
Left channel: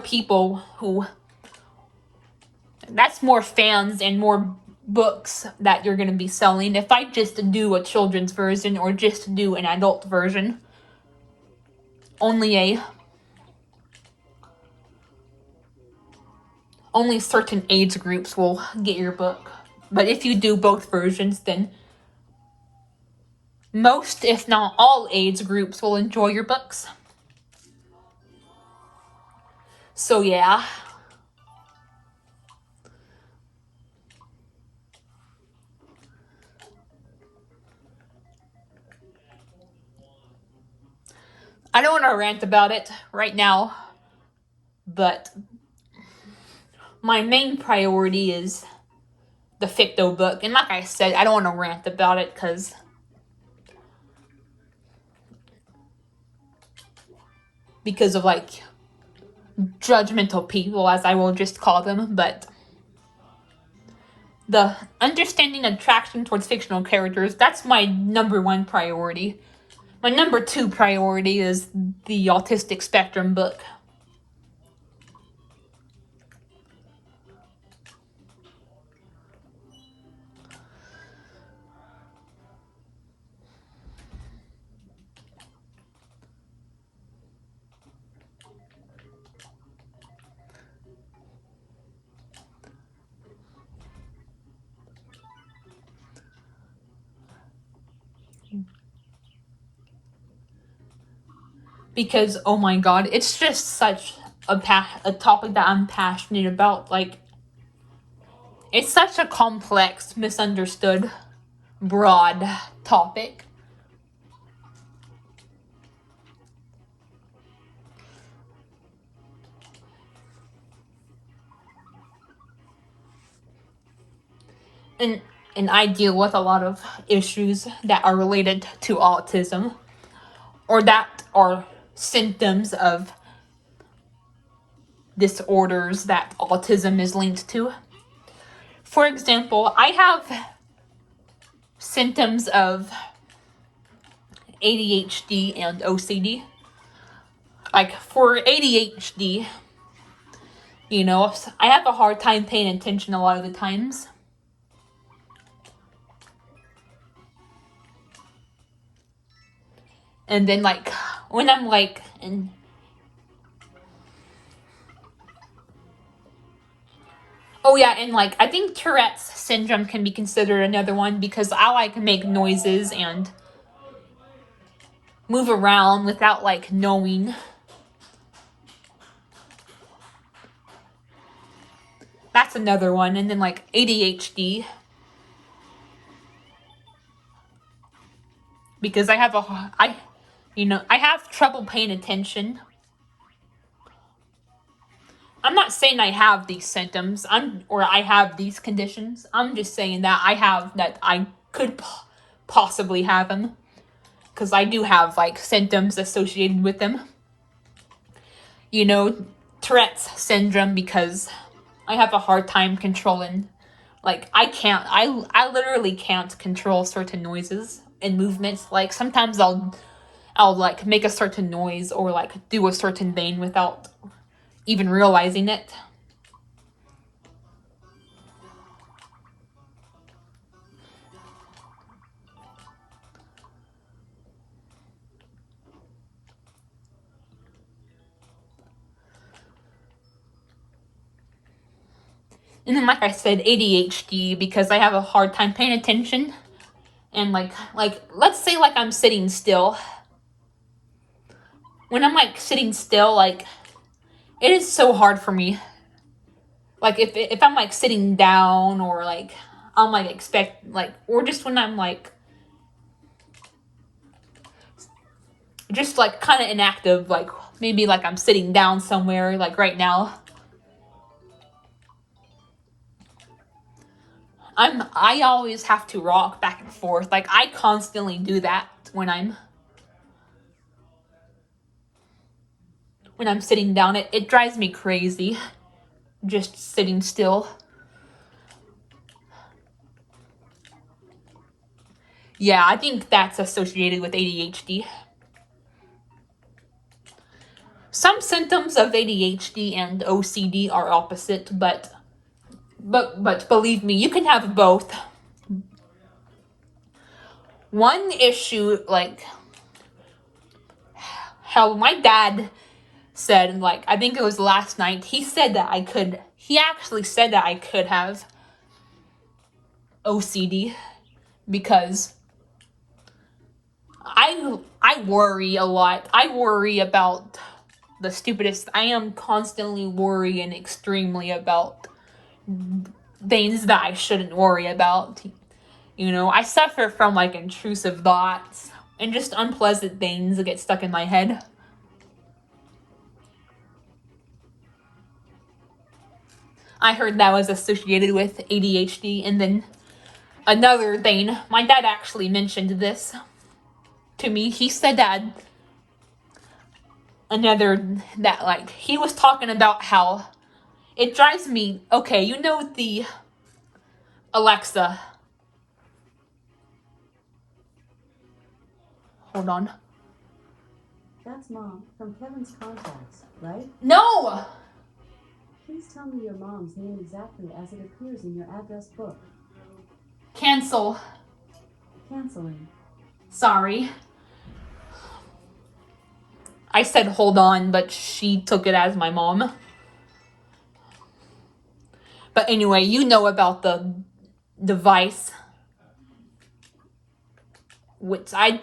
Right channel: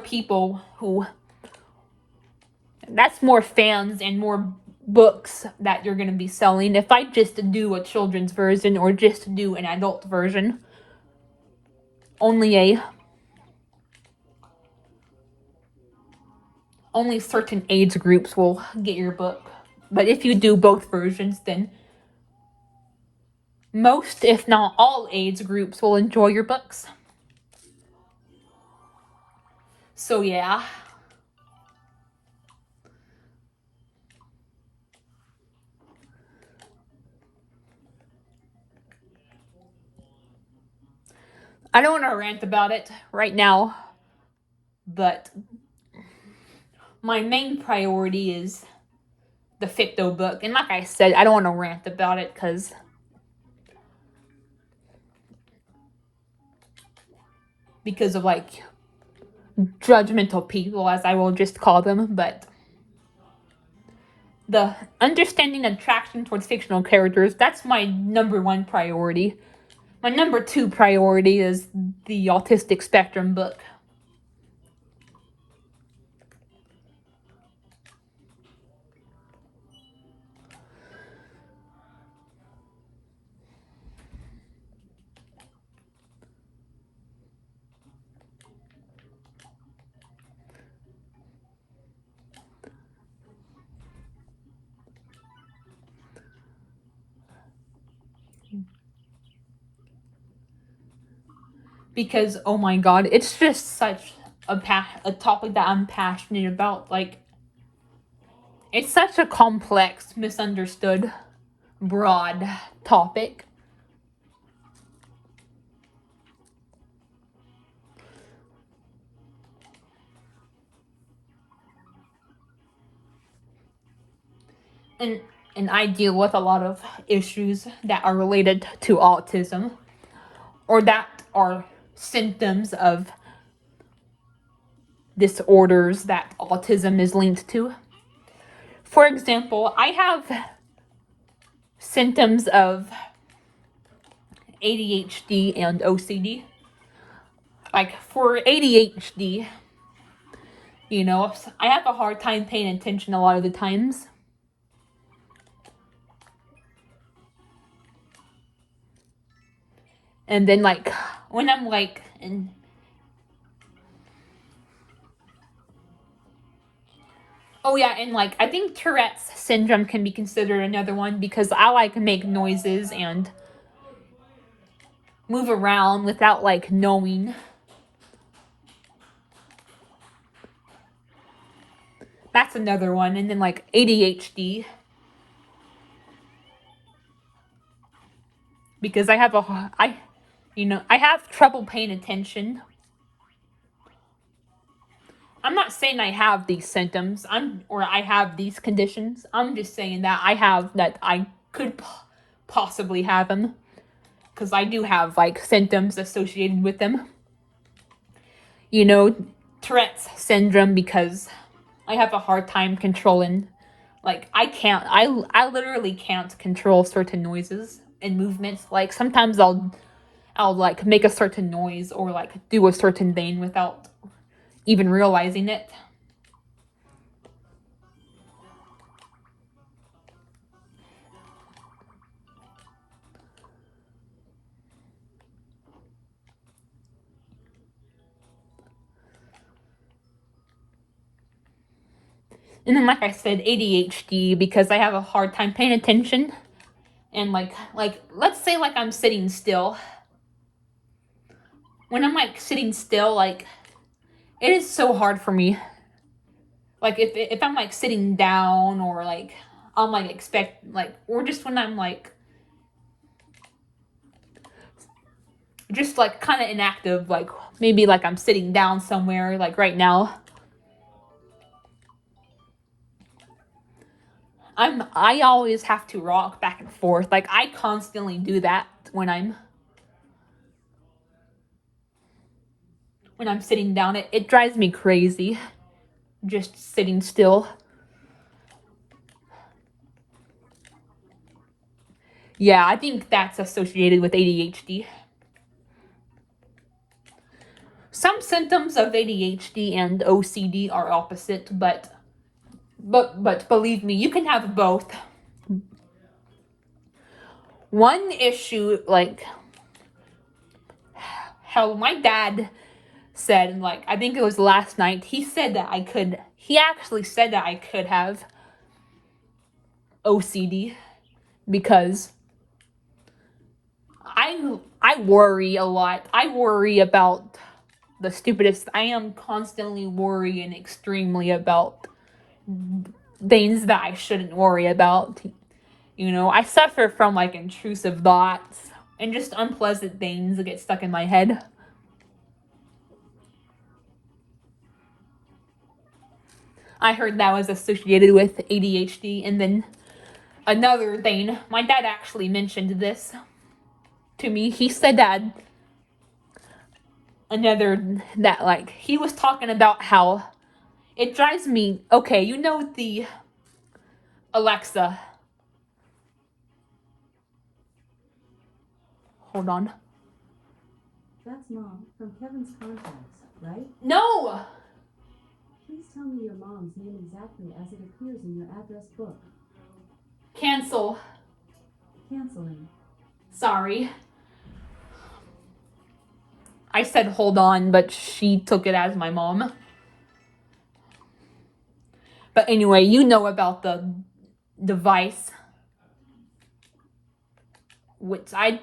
fans and more books that you're going to be selling. If I just do a children's version or just do an adult version, only certain age groups will get your book. But if you do both versions, then most, if not all, age groups will enjoy your books. So yeah. I don't want to rant about it right now, but my main priority is the Ficto book. And like I said, I don't want to rant about it because of like judgmental people, as I will just call them, but the understanding attraction towards fictional characters, that's my number one priority. My number two priority is the autistic spectrum book. Because, oh my god, it's just such a topic that I'm passionate about. Like, it's such a complex, misunderstood, broad topic. And I deal with a lot of issues that are related to autism, or that are symptoms of disorders that autism is linked to. For example, I have symptoms of ADHD and OCD. Like, for ADHD, you know, I have a hard time paying attention a lot of the times. And then, like, when I'm like, oh yeah, and like, I think Tourette's syndrome can be considered another one, because I like make noises and move around without like knowing. That's another one. And then like ADHD, because I have trouble paying attention. I'm not saying I have these symptoms, I have these conditions. I'm just saying that I could possibly have them, because I do have like symptoms associated with them. You know, Tourette's syndrome because I have a hard time controlling. Like, I literally can't control certain noises and movements. Like, sometimes I'll like make a certain noise or like do a certain thing without even realizing it. And then, like I said, ADHD because I have a hard time paying attention. And like let's say like I'm sitting still. When I'm like sitting still, like it is so hard for me. Like if I'm like sitting down or like I'm like expect like or just when I'm like just like kind of inactive, like maybe like I'm sitting down somewhere like right now. I always have to rock back and forth. Like I constantly do that when I'm sitting down. It drives me crazy just sitting still. Yeah, I think that's associated with ADHD. Some symptoms of ADHD and OCD are opposite, but believe me, you can have both. One issue, like how my dad said, like I think it was last night, he actually said that I could have OCD because I worry a lot. I worry about the stupidest. I am constantly worrying extremely about things that I shouldn't worry about. You know, I suffer from like intrusive thoughts and just unpleasant things that get stuck in my head. I heard that was associated with ADHD. And then another thing, my dad actually mentioned this to me. He said that like he was talking about how it drives me, okay, you know the Alexa. Hold on. That's Mom from Kevin's contacts, right? No! Please tell me your mom's name exactly as it appears in your address book. Cancel. Canceling. Sorry. I said hold on, but she took it as my mom. But anyway, you know about the device, which I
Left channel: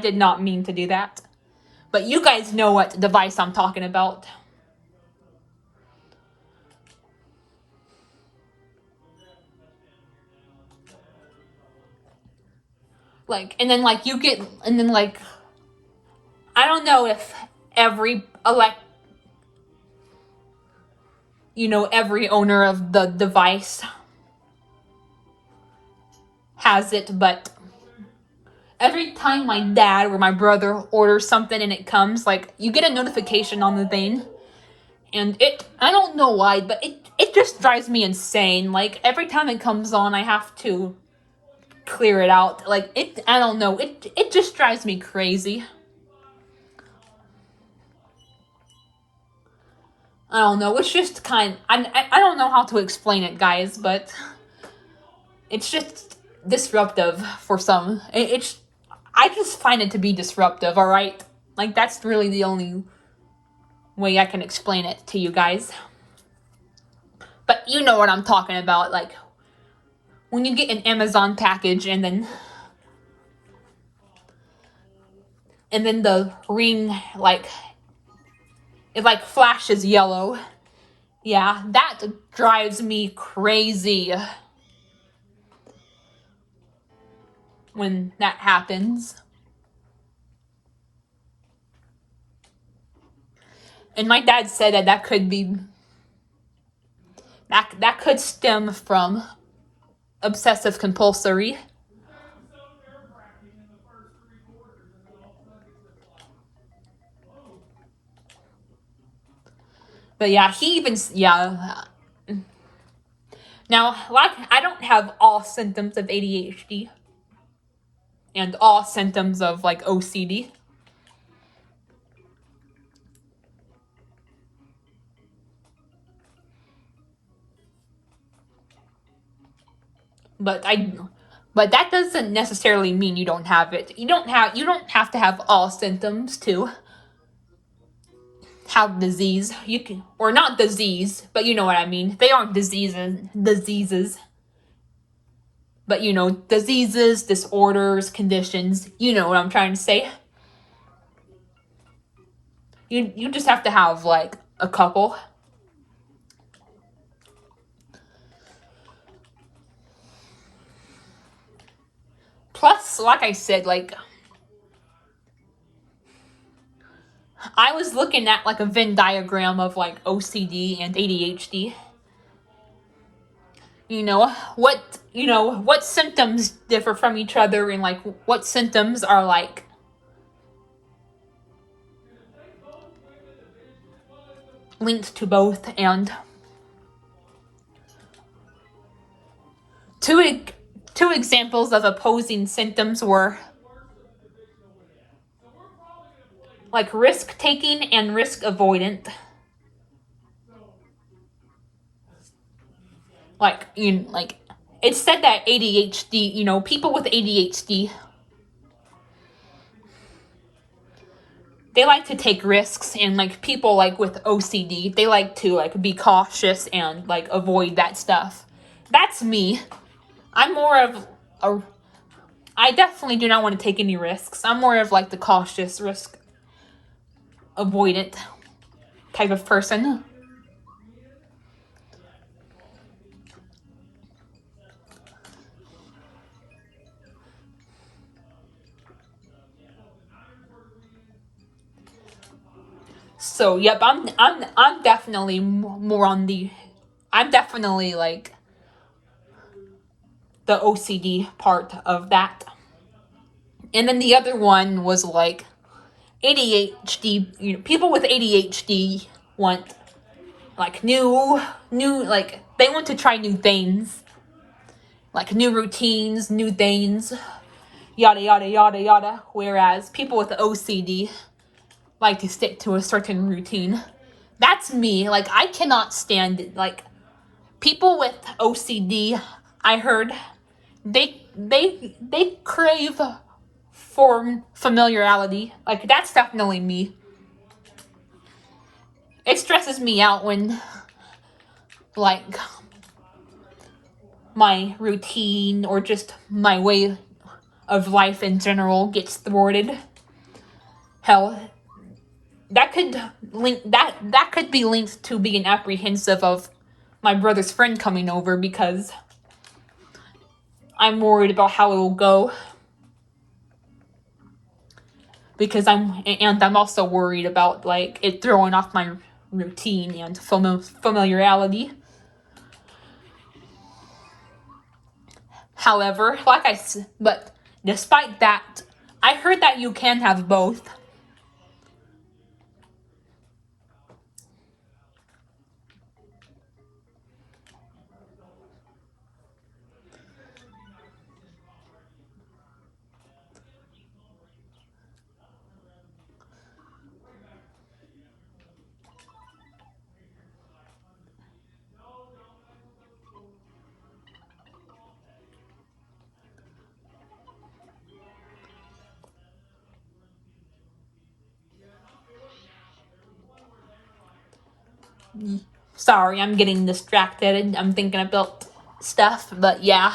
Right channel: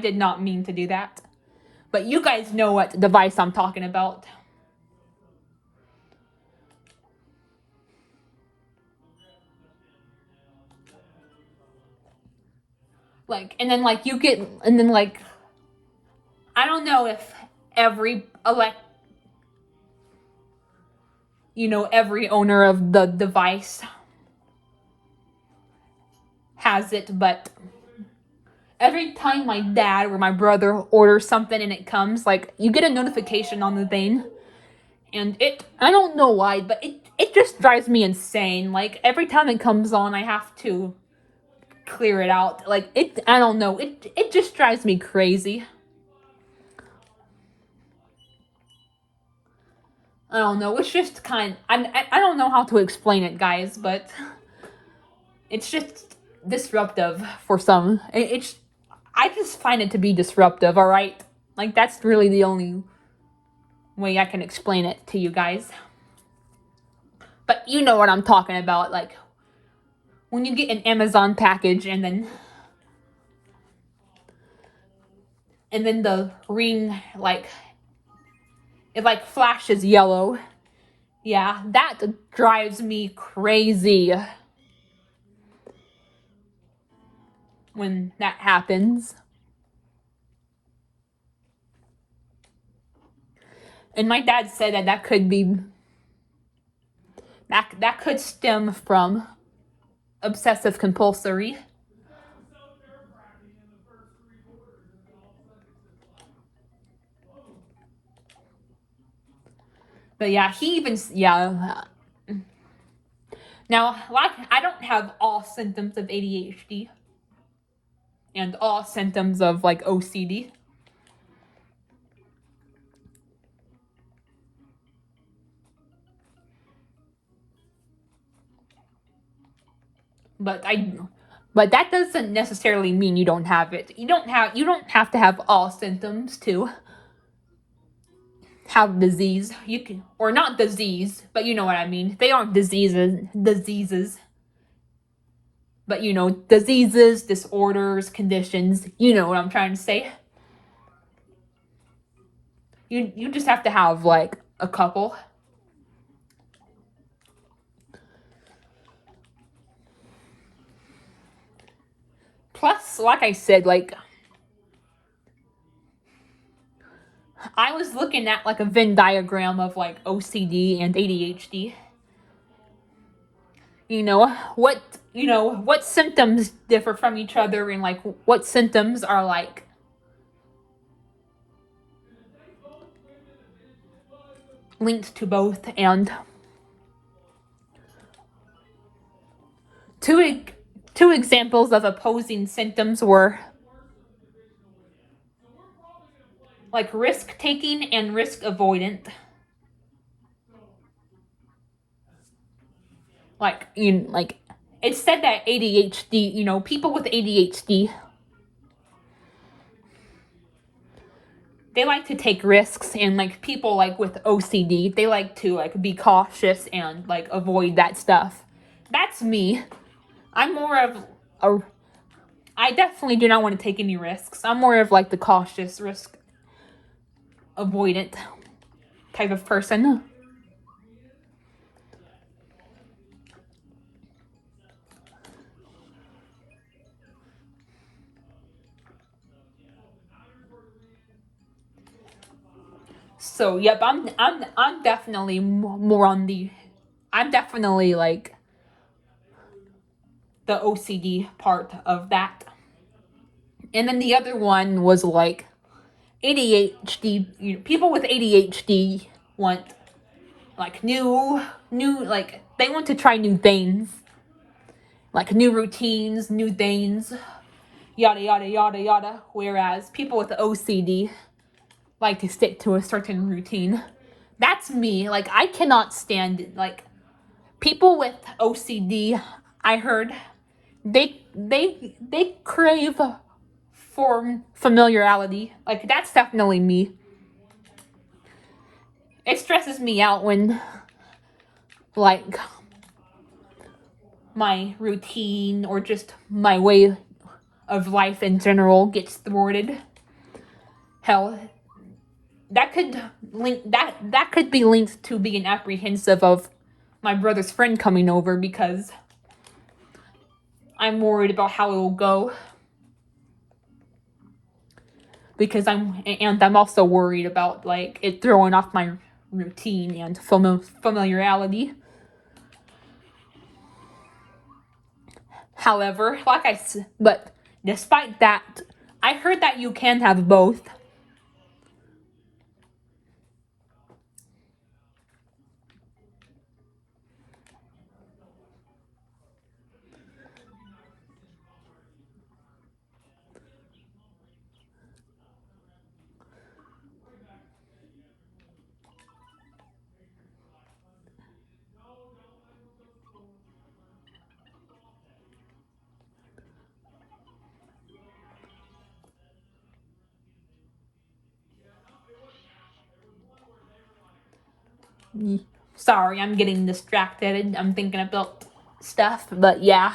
did not mean to do that. But you guys know what device I'm talking about. Like, and then like you get, and then like, I don't know if every owner of the device has it, but every time my dad or my brother orders something and it comes, like, you get a notification on the thing. And I don't know why, but it just drives me insane. Like, every time it comes on, I have to clear it out. Like, I don't know, it just drives me crazy. I don't know, it's just I don't know how to explain it, guys, but it's just disruptive for some. I just find it to be disruptive, alright? Like, that's really the only way I can explain it to you guys. But you know what I'm talking about, like, when you get an Amazon package and then the ring, like, it like flashes yellow. Yeah, that drives me crazy when that happens. And my dad said that could stem from obsessive compulsory. But yeah, he even, yeah. Now, like, I don't have all symptoms of ADHD and all symptoms of like OCD. But that doesn't necessarily mean you don't have it. You don't have to have all symptoms to have disease. You can, or not disease, but you know what I mean. They aren't diseases. But you know, diseases, disorders, conditions, you know what I'm trying to say. You just have to have like a couple. Plus, like I said, like I was looking at like a Venn diagram of like OCD and ADHD. What symptoms differ from each other, and like what symptoms are like linked to both. And two examples of opposing symptoms were like risk taking and risk avoidant. Like it's said that ADHD, people with ADHD, they like to take risks, and like people like with OCD, they like to like be cautious and like avoid that stuff. That's me. I'm more of a I definitely do not want to take any risks. I'm more of like the cautious, risk avoidant type of person. So yep, I'm definitely more on the I'm definitely like the OCD part of that. And then the other one was like ADHD. People with ADHD want like new like they want to try new things, like new routines, new things, yada yada yada yada. Whereas people with OCD like to stick to a certain routine. That's me. Like I cannot stand it. Like people with OCD, I heard they crave for familiarity. Like that's definitely me. It stresses me out when like my routine or just my way of life in general gets thwarted. Hell, that could be linked to being apprehensive of my brother's friend coming over, because I'm worried about how it will go. Because I'm also worried about like it throwing off my routine and familiarity. However, but despite that, I heard that you can have both. Sorry, I'm getting distracted. I'm thinking about stuff, but yeah.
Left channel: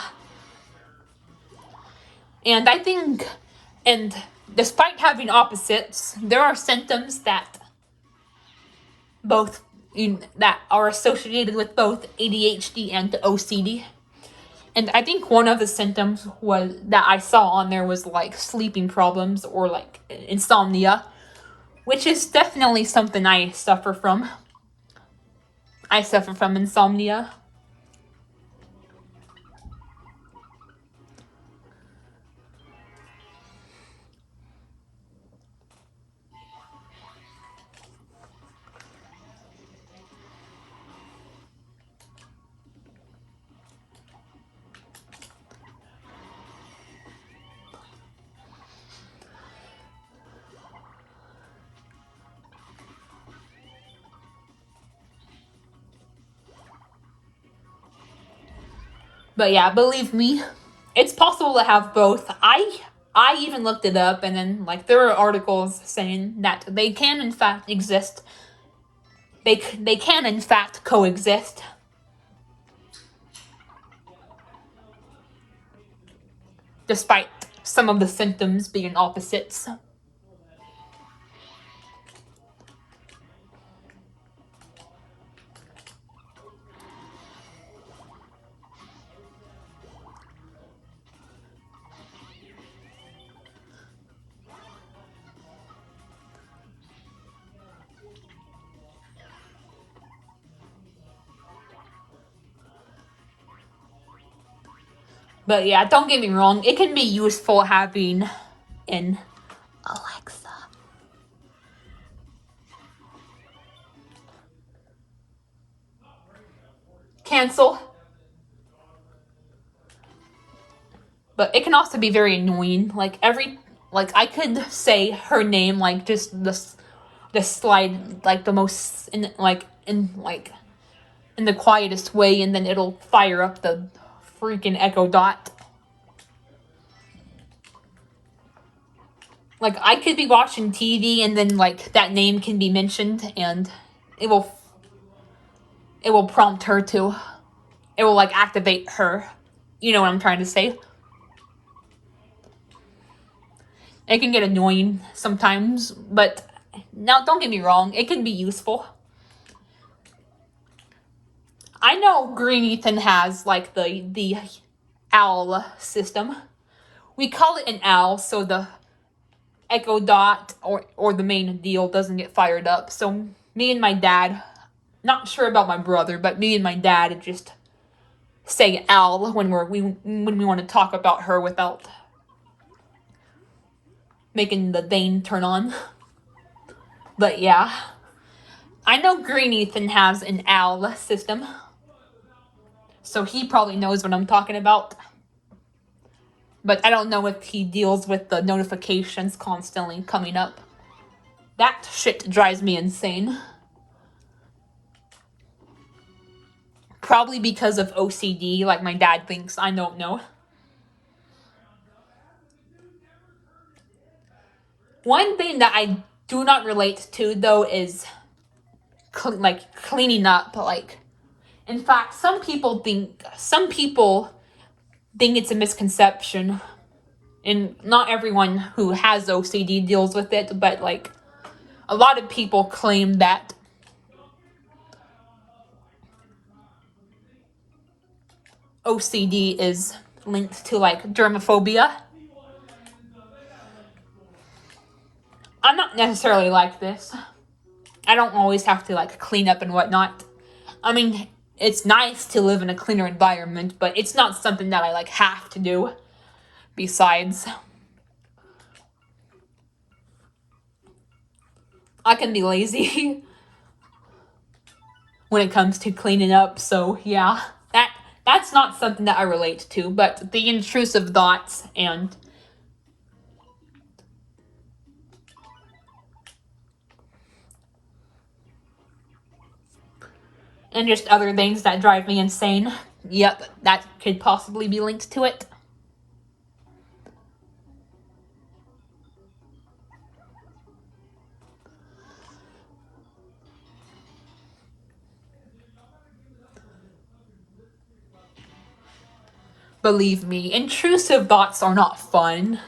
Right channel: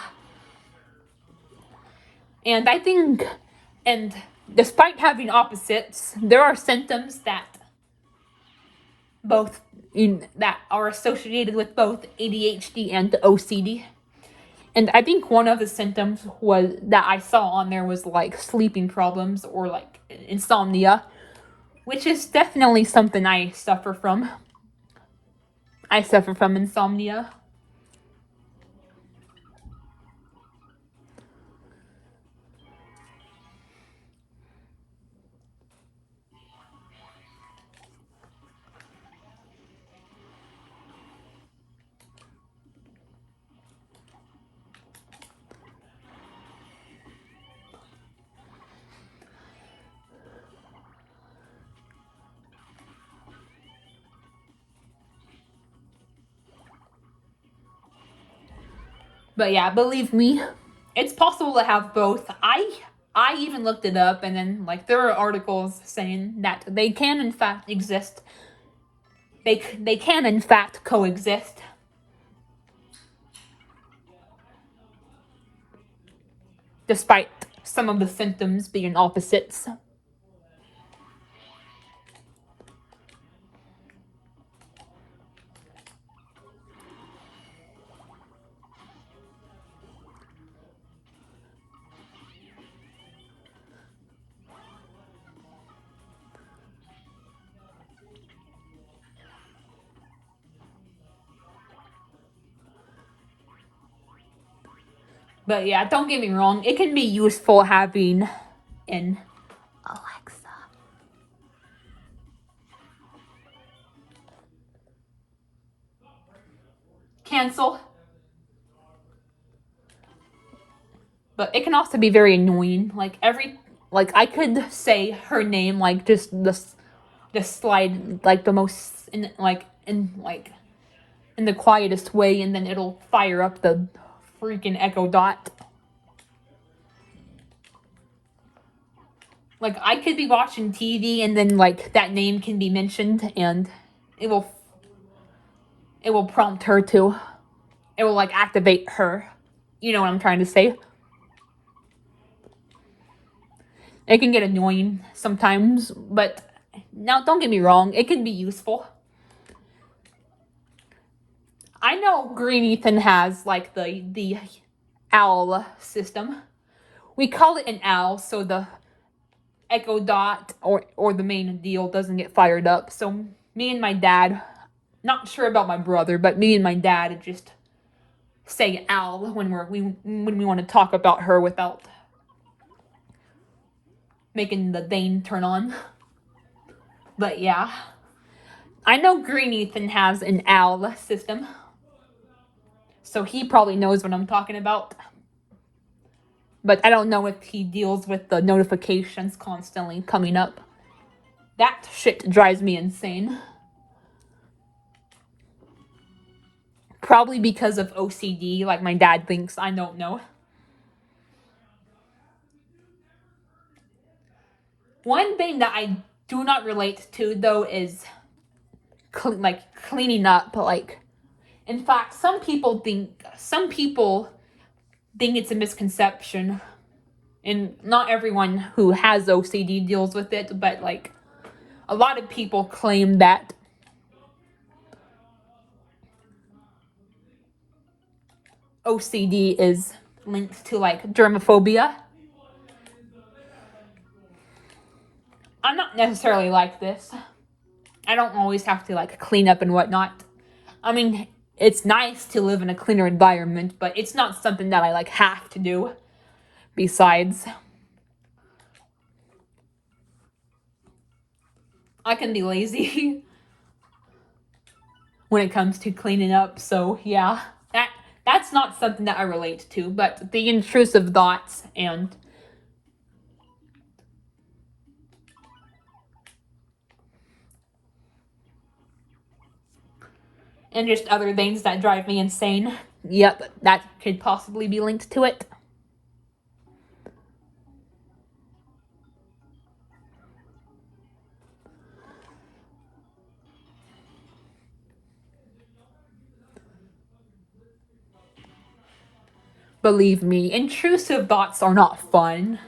And I think, and despite having opposites, there are symptoms that are associated with both ADHD and OCD. And I think one of the symptoms was that I saw on there was like sleeping problems or like insomnia, which is definitely something I suffer from. I suffer from insomnia. But yeah, believe me, it's possible to have both. I even looked it up, and then like there are articles saying that they can in fact exist. They can in fact coexist. Despite some of the symptoms being opposites. But yeah, don't get me wrong, it can be useful having an Alexa. Cancel. But it can also be very annoying. Like I could say her name like just the slide like the most in the quietest way, and then it'll fire up the freaking Echo Dot. Like I could be watching TV and then like that name can be mentioned and it will prompt her to. It will like activate her. You know what I'm trying to say? It can get annoying sometimes, but now don't get me wrong, it can be useful. I know Green Ethan has like the owl system. We call it an owl so the Echo Dot or the main deal doesn't get fired up. So me and my dad, not sure about my brother, but me and my dad just say owl when we want to talk about her without making the Dane turn on. But yeah, I know Green Ethan has an owl system, so he probably knows what I'm talking about. But I don't know if he deals with the notifications constantly coming up. That shit drives me insane. Probably because of OCD, like my dad thinks. I don't know. One thing that I do not relate to, though, is cleaning up. Like, in fact, some people think it's a misconception, and not everyone who has OCD deals with it, but like a lot of people claim that OCD is linked to like germophobia. I'm not necessarily like this. I don't always have to like clean up and whatnot. I mean, it's nice to live in a cleaner environment, but it's not something that I like have to do. Besides, I can be lazy when it comes to cleaning up, so yeah, that's not something that I relate to, but the intrusive thoughts and just other things that drive me insane. Yep, that could possibly be linked to it. Believe me, intrusive thoughts are not fun.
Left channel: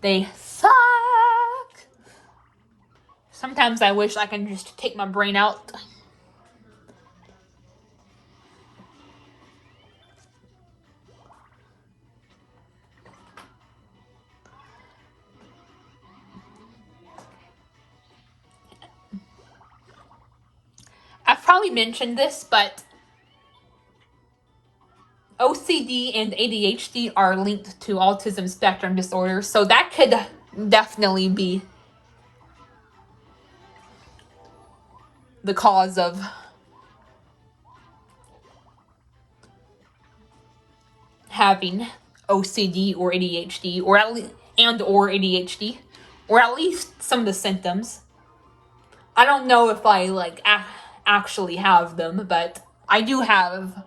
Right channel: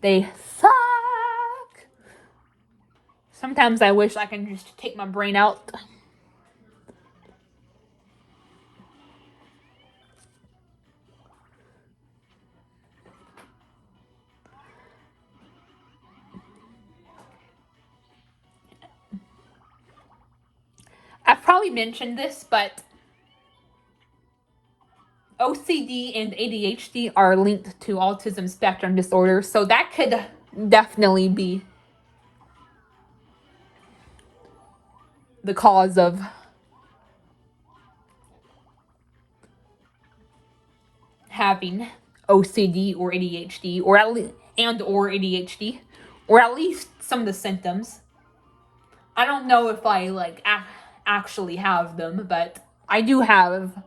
They suck. Sometimes I wish I can just take my brain out. I've probably mentioned this, but OCD and ADHD are linked to autism spectrum disorder, so that could definitely be the cause of having OCD or ADHD, or at least ADHD, or at least some of the symptoms. I don't know if I like actually have them, but I do have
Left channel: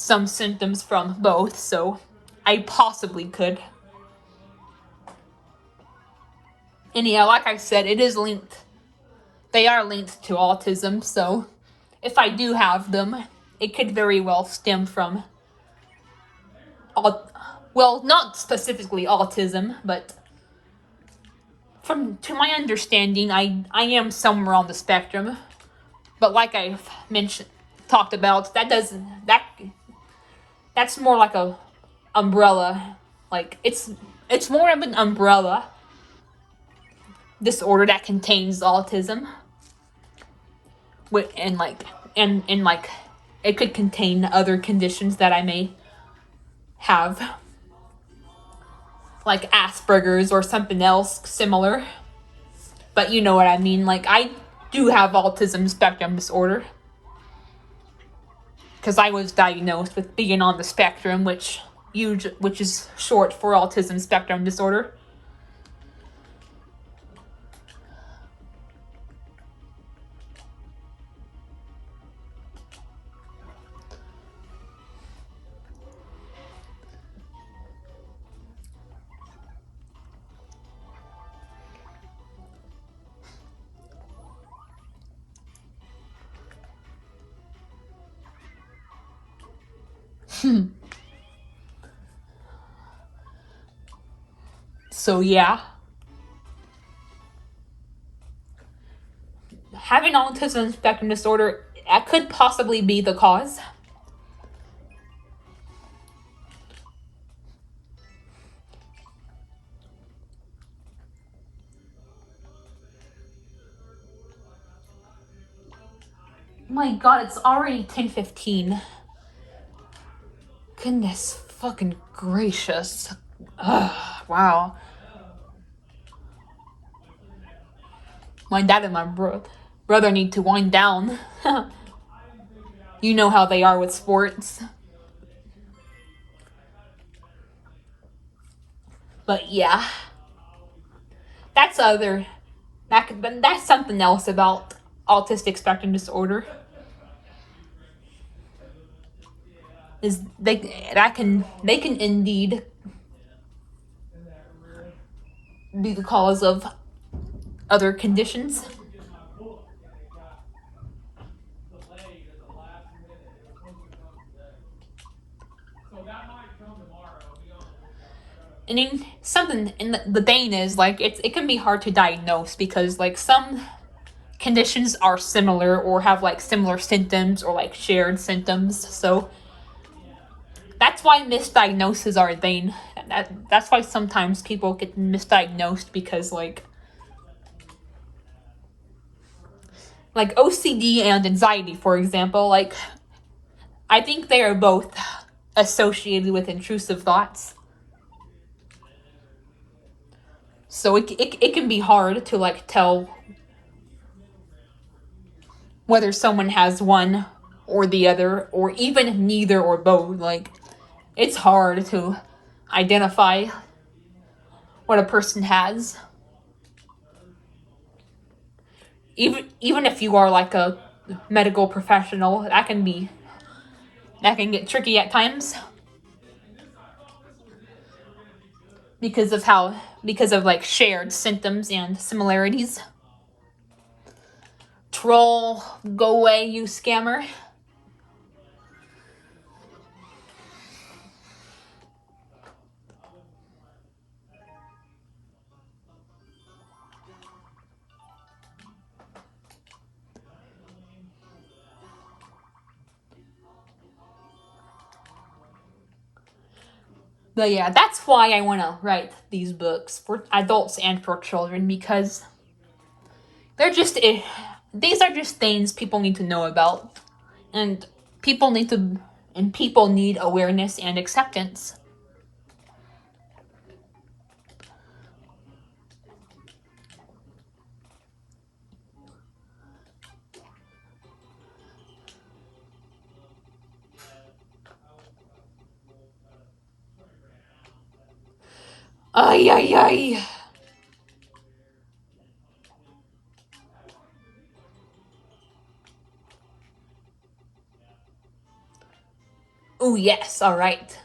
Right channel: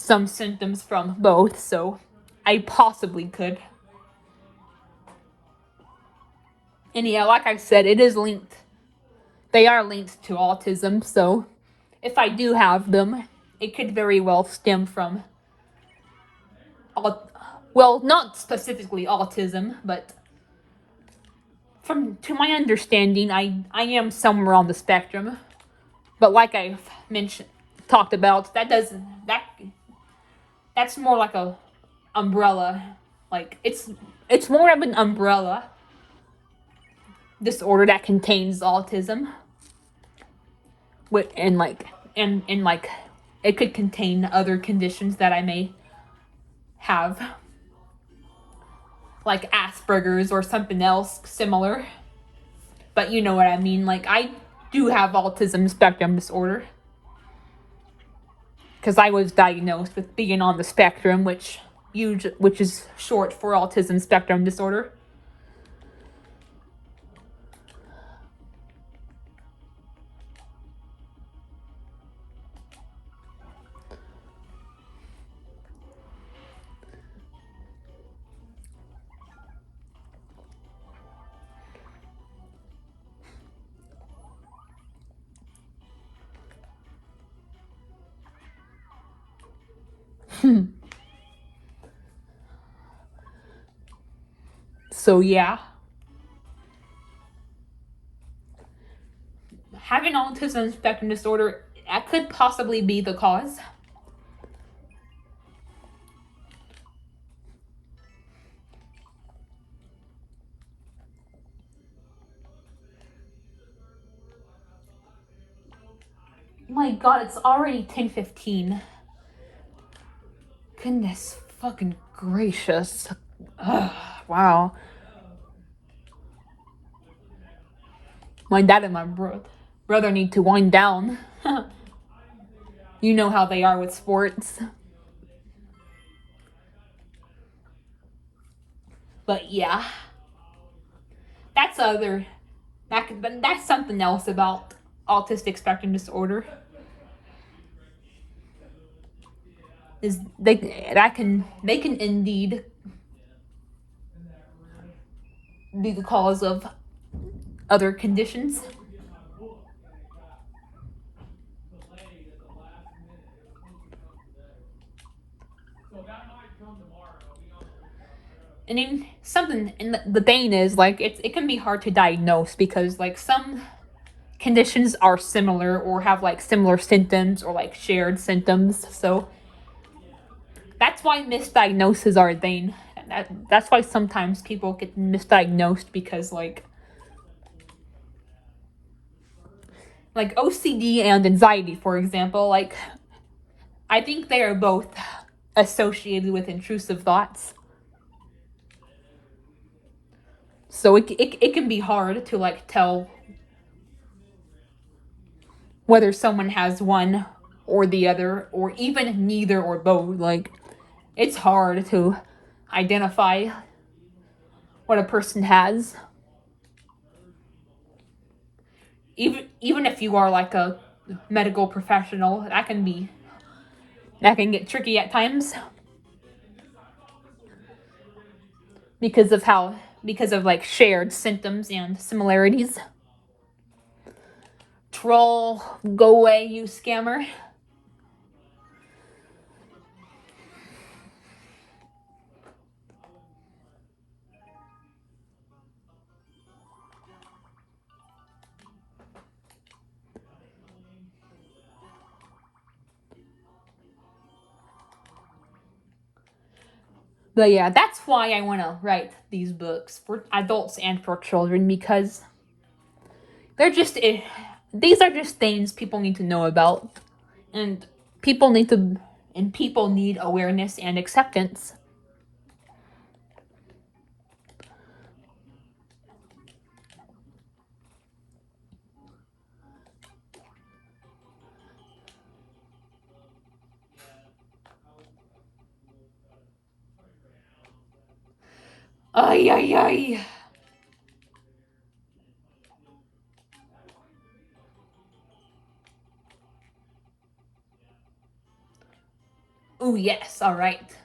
some symptoms from both, so I possibly could. And yeah, like I said, it is linked. They are linked to autism, so if I do have them, it could very well stem from, well, not specifically autism, but to my understanding, I am somewhere on the spectrum. But like I've talked about, that's more like a umbrella. Like it's more of an umbrella disorder that contains autism. And like it could contain other conditions that I may have, like Asperger's or something else similar. But you know what I mean. Like I do have autism spectrum disorder because I was diagnosed with being on the spectrum, which is short for autism spectrum disorder. So yeah, having autism spectrum disorder, that could possibly be the cause. My god, it's already 10:15. Goodness fucking gracious. Ugh, wow. My dad and my brother need to wind down. You know how they are with sports. But yeah, that's that's something else about autistic spectrum disorder. Is they can indeed be the cause of other conditions. And then something, and the thing is, like, it can be hard to diagnose because, like, some conditions are similar or have, like, similar symptoms or, like, shared symptoms. So that's why misdiagnoses are a thing. That's why sometimes people get misdiagnosed because, like OCD and anxiety, for example, like, I think they are both associated with intrusive thoughts. So it can be hard to, like, tell whether someone has one or the other, or even neither or both. Like, it's hard to identify what a person has. Even if you are, like, a medical professional, that can get tricky at times because of like shared symptoms and similarities. Troll, go away, you scammer. But yeah, that's why I want to write these books for adults and for children, because these are just things people need to know about, and people need awareness and acceptance. Ay ay ay. Oh, yes, all right.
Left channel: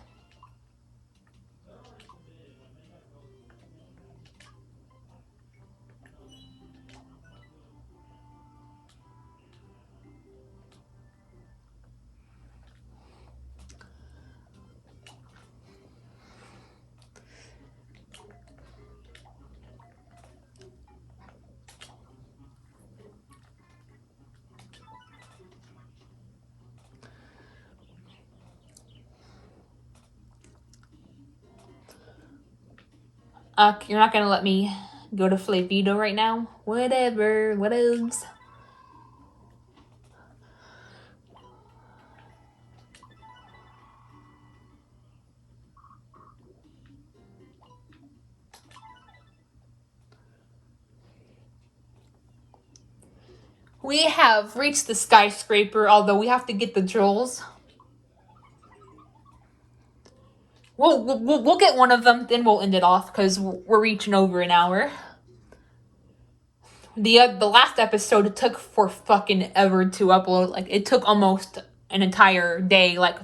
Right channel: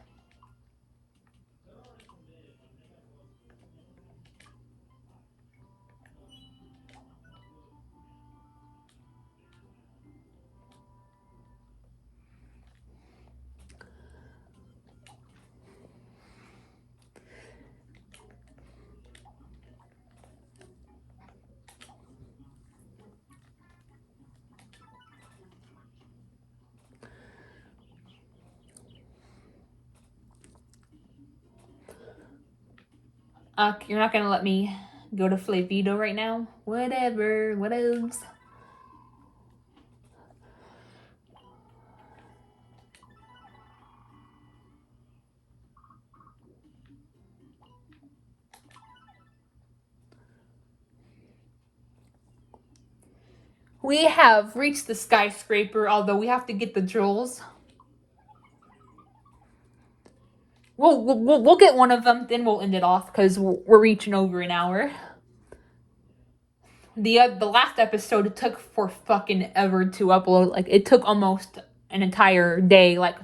You're not gonna let me go to Flavito right now? Whatever, what else? We have reached the skyscraper, although we have to get the jewels. We'll get one of them, then we'll end it off because we're reaching over an hour. The last episode took for fucking ever to upload. Like, it took almost an entire day, like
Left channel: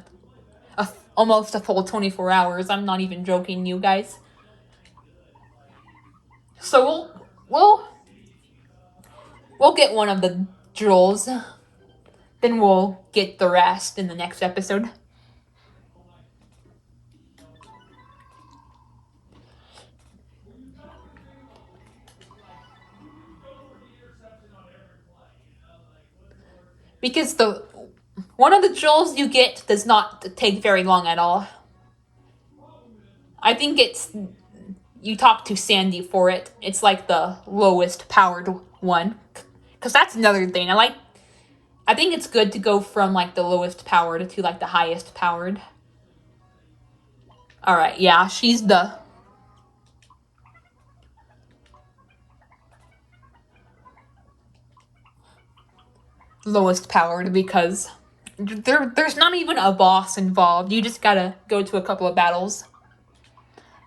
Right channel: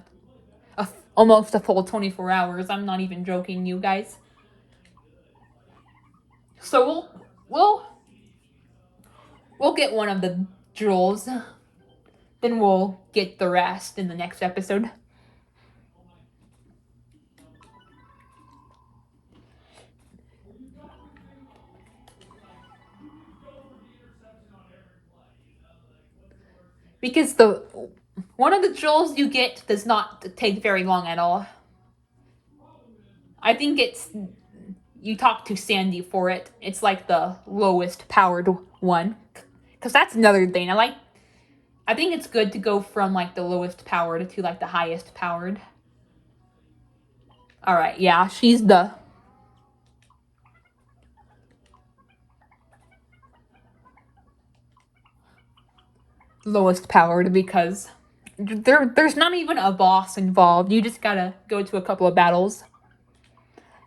almost a full 24 hours. I'm not even joking, you guys. So we'll get one of the jewels, then we'll get the rest in the next episode. Because the one of the jewels you get does not take very long at all. I think you talk to Sandy for it. It's like the lowest powered one. Cause that's another thing. I think it's good to go from like the lowest powered to like the highest powered. Alright, yeah, she's the lowest powered because there's not even a boss involved. You just gotta go to a couple of battles.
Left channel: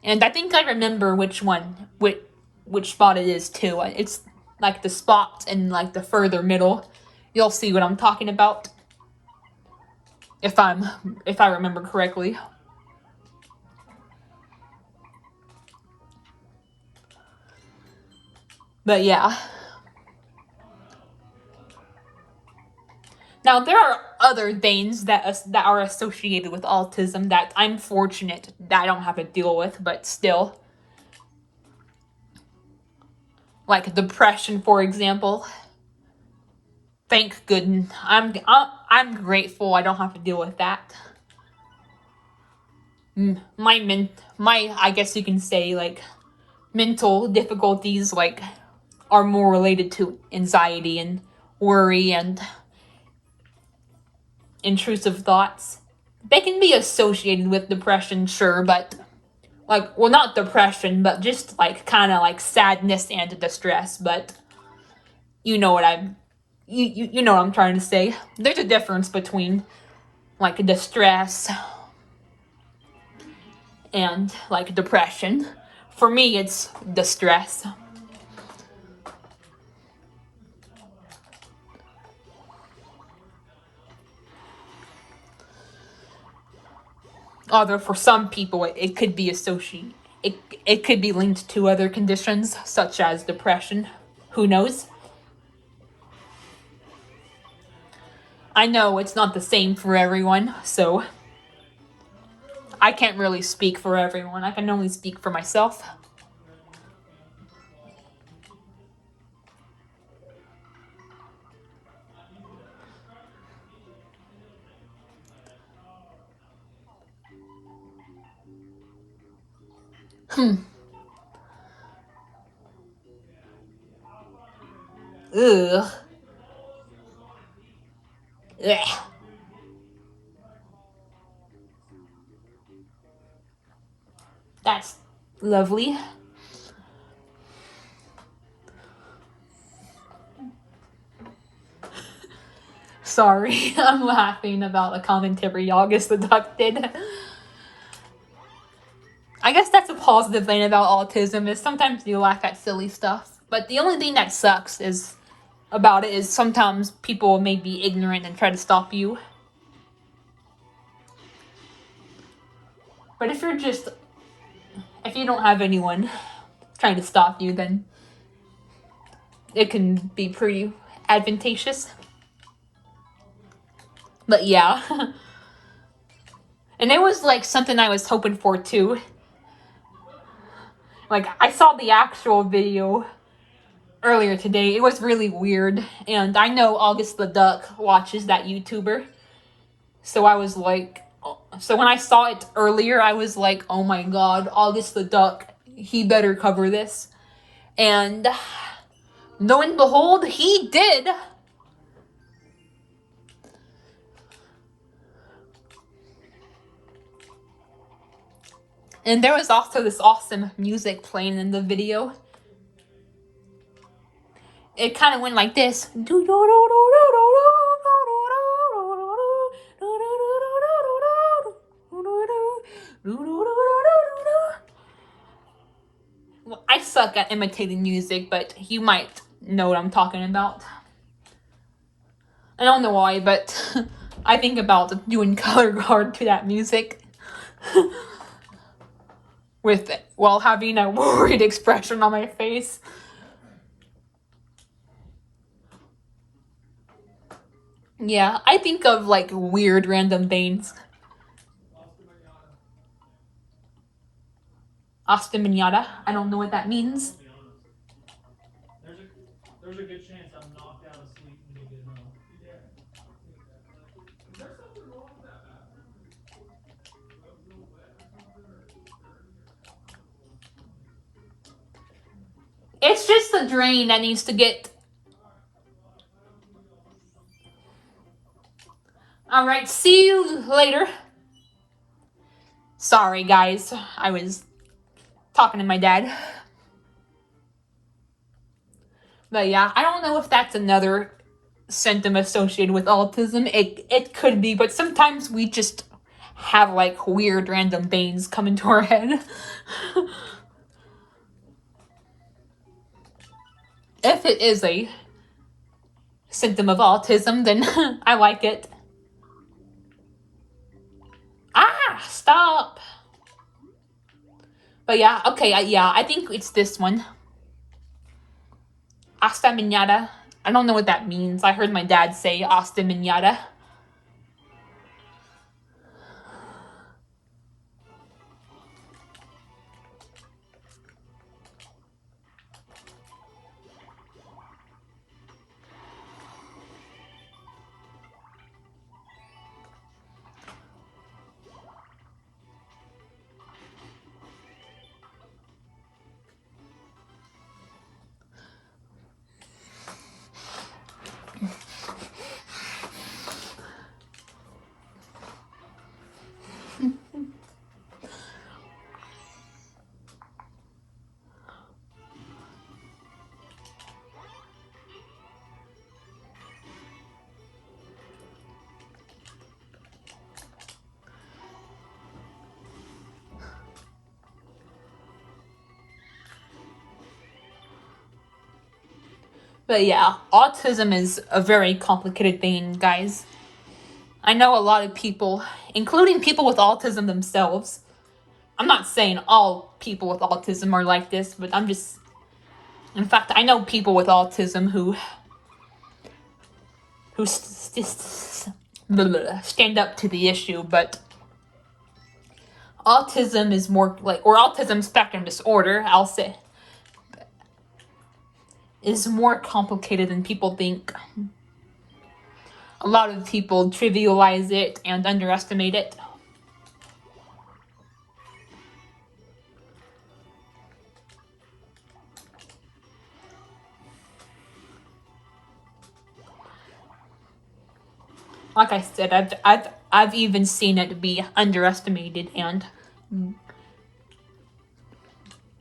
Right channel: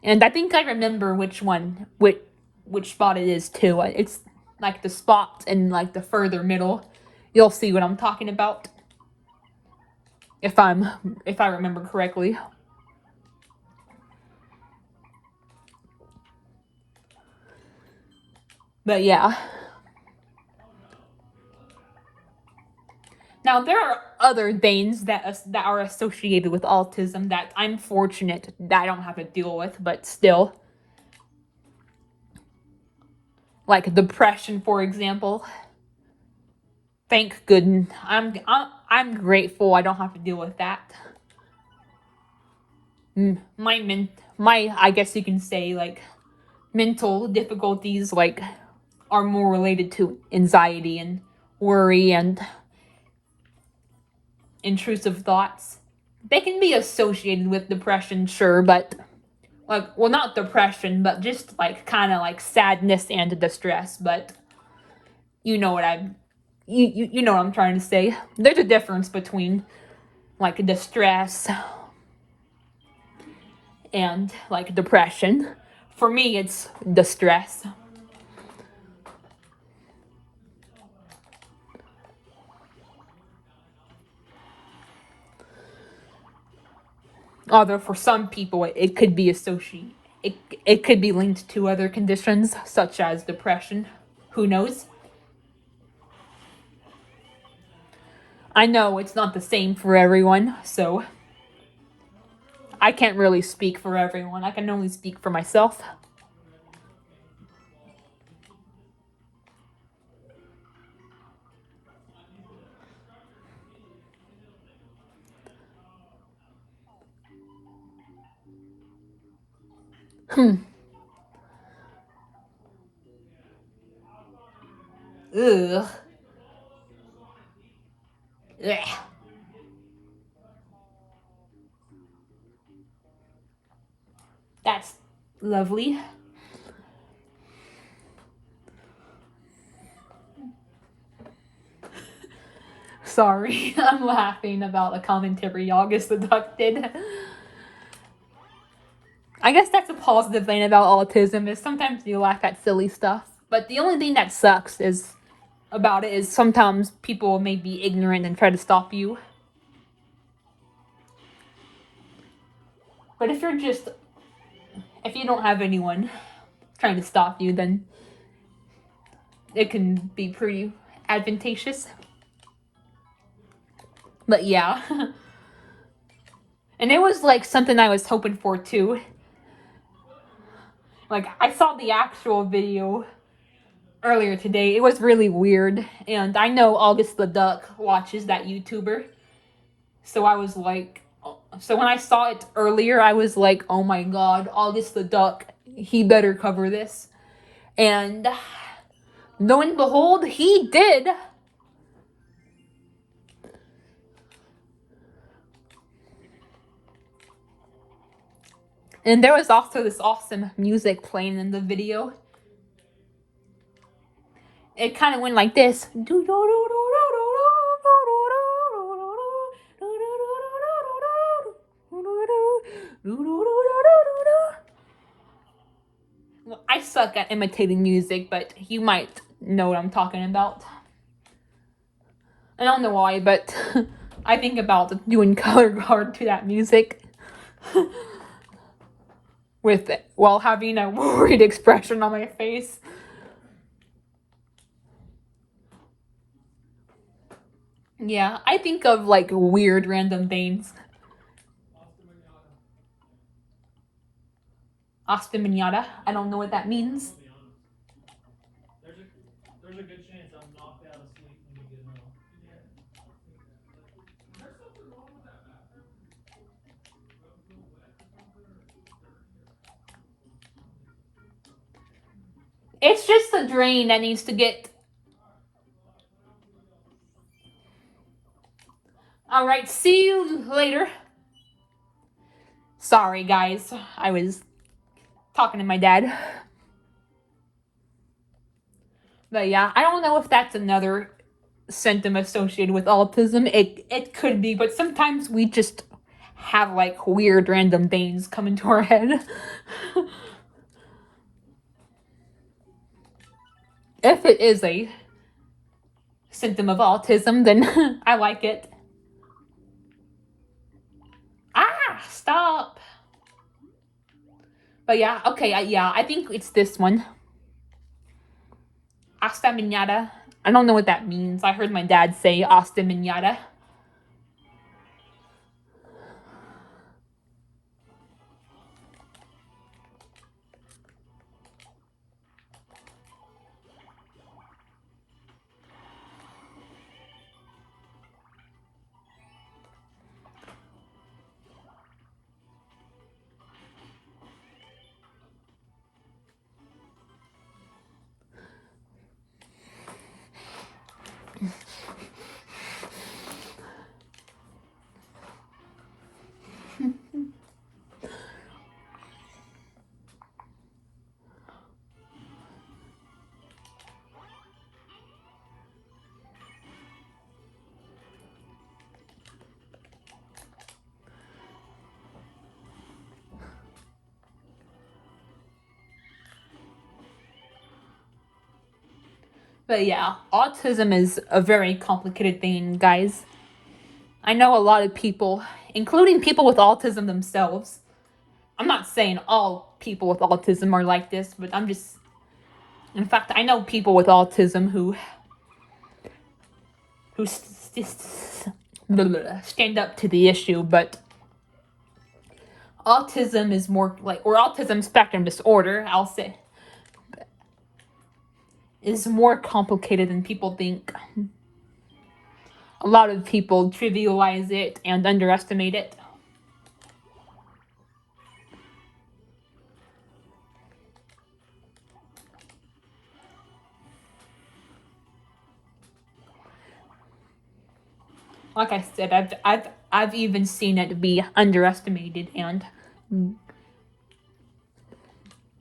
And I think I remember which spot it is too. It's like the spot in like the further middle. You'll see what I'm talking about. If I remember correctly. But yeah. Now there are other things that are associated with autism that I'm fortunate that I don't have to deal with, but still. Like depression, for example. Thank goodness. I'm grateful I don't have to deal with that. My I guess you can say like mental difficulties like are more related to anxiety and worry and intrusive thoughts. They can be associated with depression, sure, but like, well, not depression, but just like kind of like sadness and distress. But you know what you know what I'm trying to say. There's a difference between like distress and like depression. For me, it's distress. Although for some people, it could be associated. It could be linked to other conditions such as depression. Who knows? I know it's not the same for everyone, so I can't really speak for everyone. I can only speak for myself. Ugh. Ugh. That's lovely. Sorry, I'm laughing about a commentary August the Duck did. I guess that's a positive thing about autism is sometimes you laugh at silly stuff. But the only thing that sucks is about it is sometimes people may be ignorant and try to stop you. But if you don't have anyone trying to stop you, then it can be pretty advantageous. But yeah. And it was like something I was hoping for too. Like, I saw the actual video earlier today. It was really weird. And I know August the Duck watches that YouTuber. So I was like, so when I saw it earlier, I was like, oh my god, August the Duck, he better cover this. And lo and behold, he did. And there was also this awesome music playing in the video. It kind of went like this. Well, I suck at imitating music, but you might know what I'm talking about. I don't know why, but I think about doing color guard to that music while having a worried expression on my face. Yeah, I think of like weird random things. Ostemanata. I don't know what that means. There's a good chance I'm knocked out of sleep when you get home. Yeah. Is there something wrong with that bathroom? It's just the drain that needs to get. Alright, see you later. Sorry, guys. I was talking to my dad. But yeah, I don't know if that's another symptom associated with autism. It could be, but sometimes we just have like weird random things come into our head. If it is a symptom of autism, then I like it. Ah, stop. But yeah, okay, I think it's this one. Asta Minyata. I don't know what that means. I heard my dad say Asta Minyata. But yeah, autism is a very complicated thing, guys. I know a lot of people, including people with autism themselves. I'm not saying all people with autism are like this, but in fact, I know people with autism who stand up to the issue, but autism is more like, or autism spectrum disorder, I'll say, is more complicated than people think. A lot of people trivialize it and underestimate it. Like I said, I've even seen it be underestimated and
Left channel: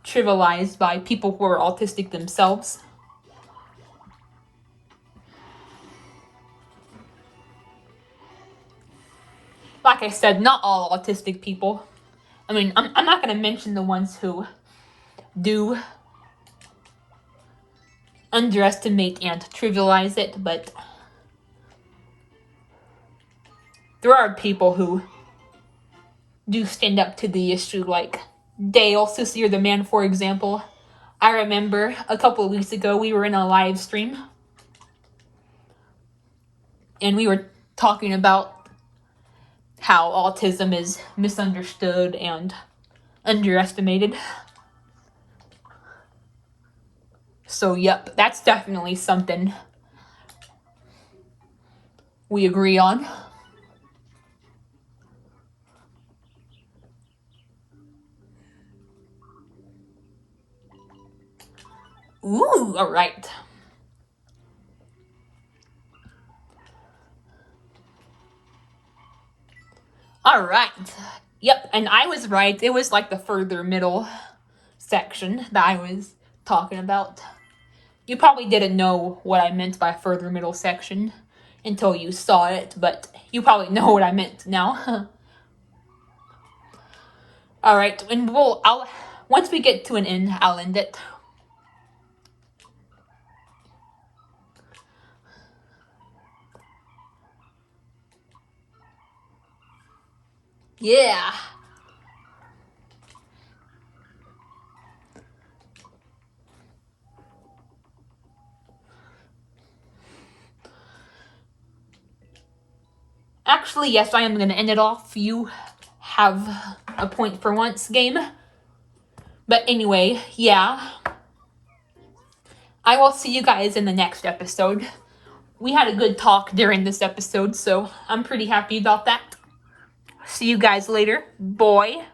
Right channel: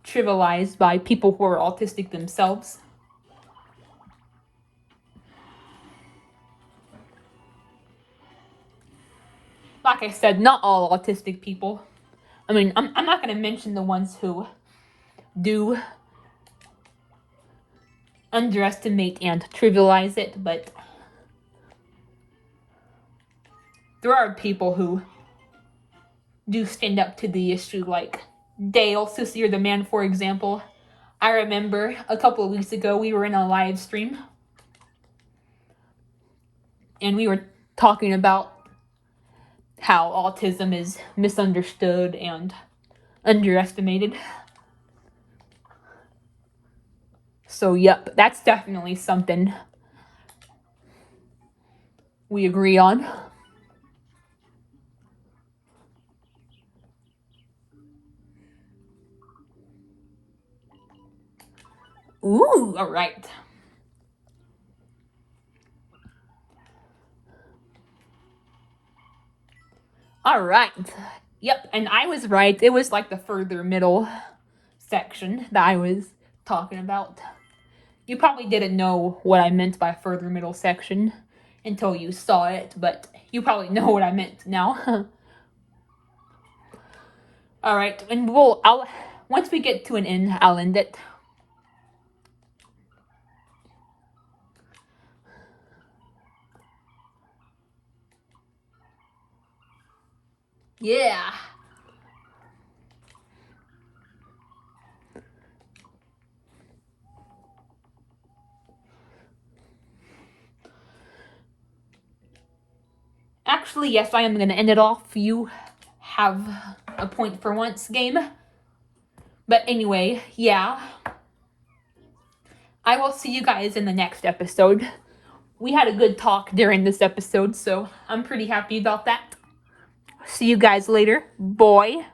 trivialized by people who are autistic themselves. Like I said, not all autistic people. I mean, I'm not going to mention the ones who do underestimate and trivialize it, but there are people who do stand up to the issue, like Dale, Sissy, or the Man, for example. I remember a couple of weeks ago we were in a live stream and we were talking about how autism is misunderstood and underestimated. So, yep, that's definitely something we agree on. Ooh, all right. All right. Yep, and I was right. It was like the further middle section that I was talking about. You probably didn't know what I meant by further middle section until you saw it, but you probably know what I meant now. All right, and once we get to an end, I'll end it. Yeah. Actually, yes, I am going to end it off. You have a point for once, game. But anyway, yeah. I will see you guys in the next episode. We had a good talk during this episode, so I'm pretty happy about that. See you guys later. Boy.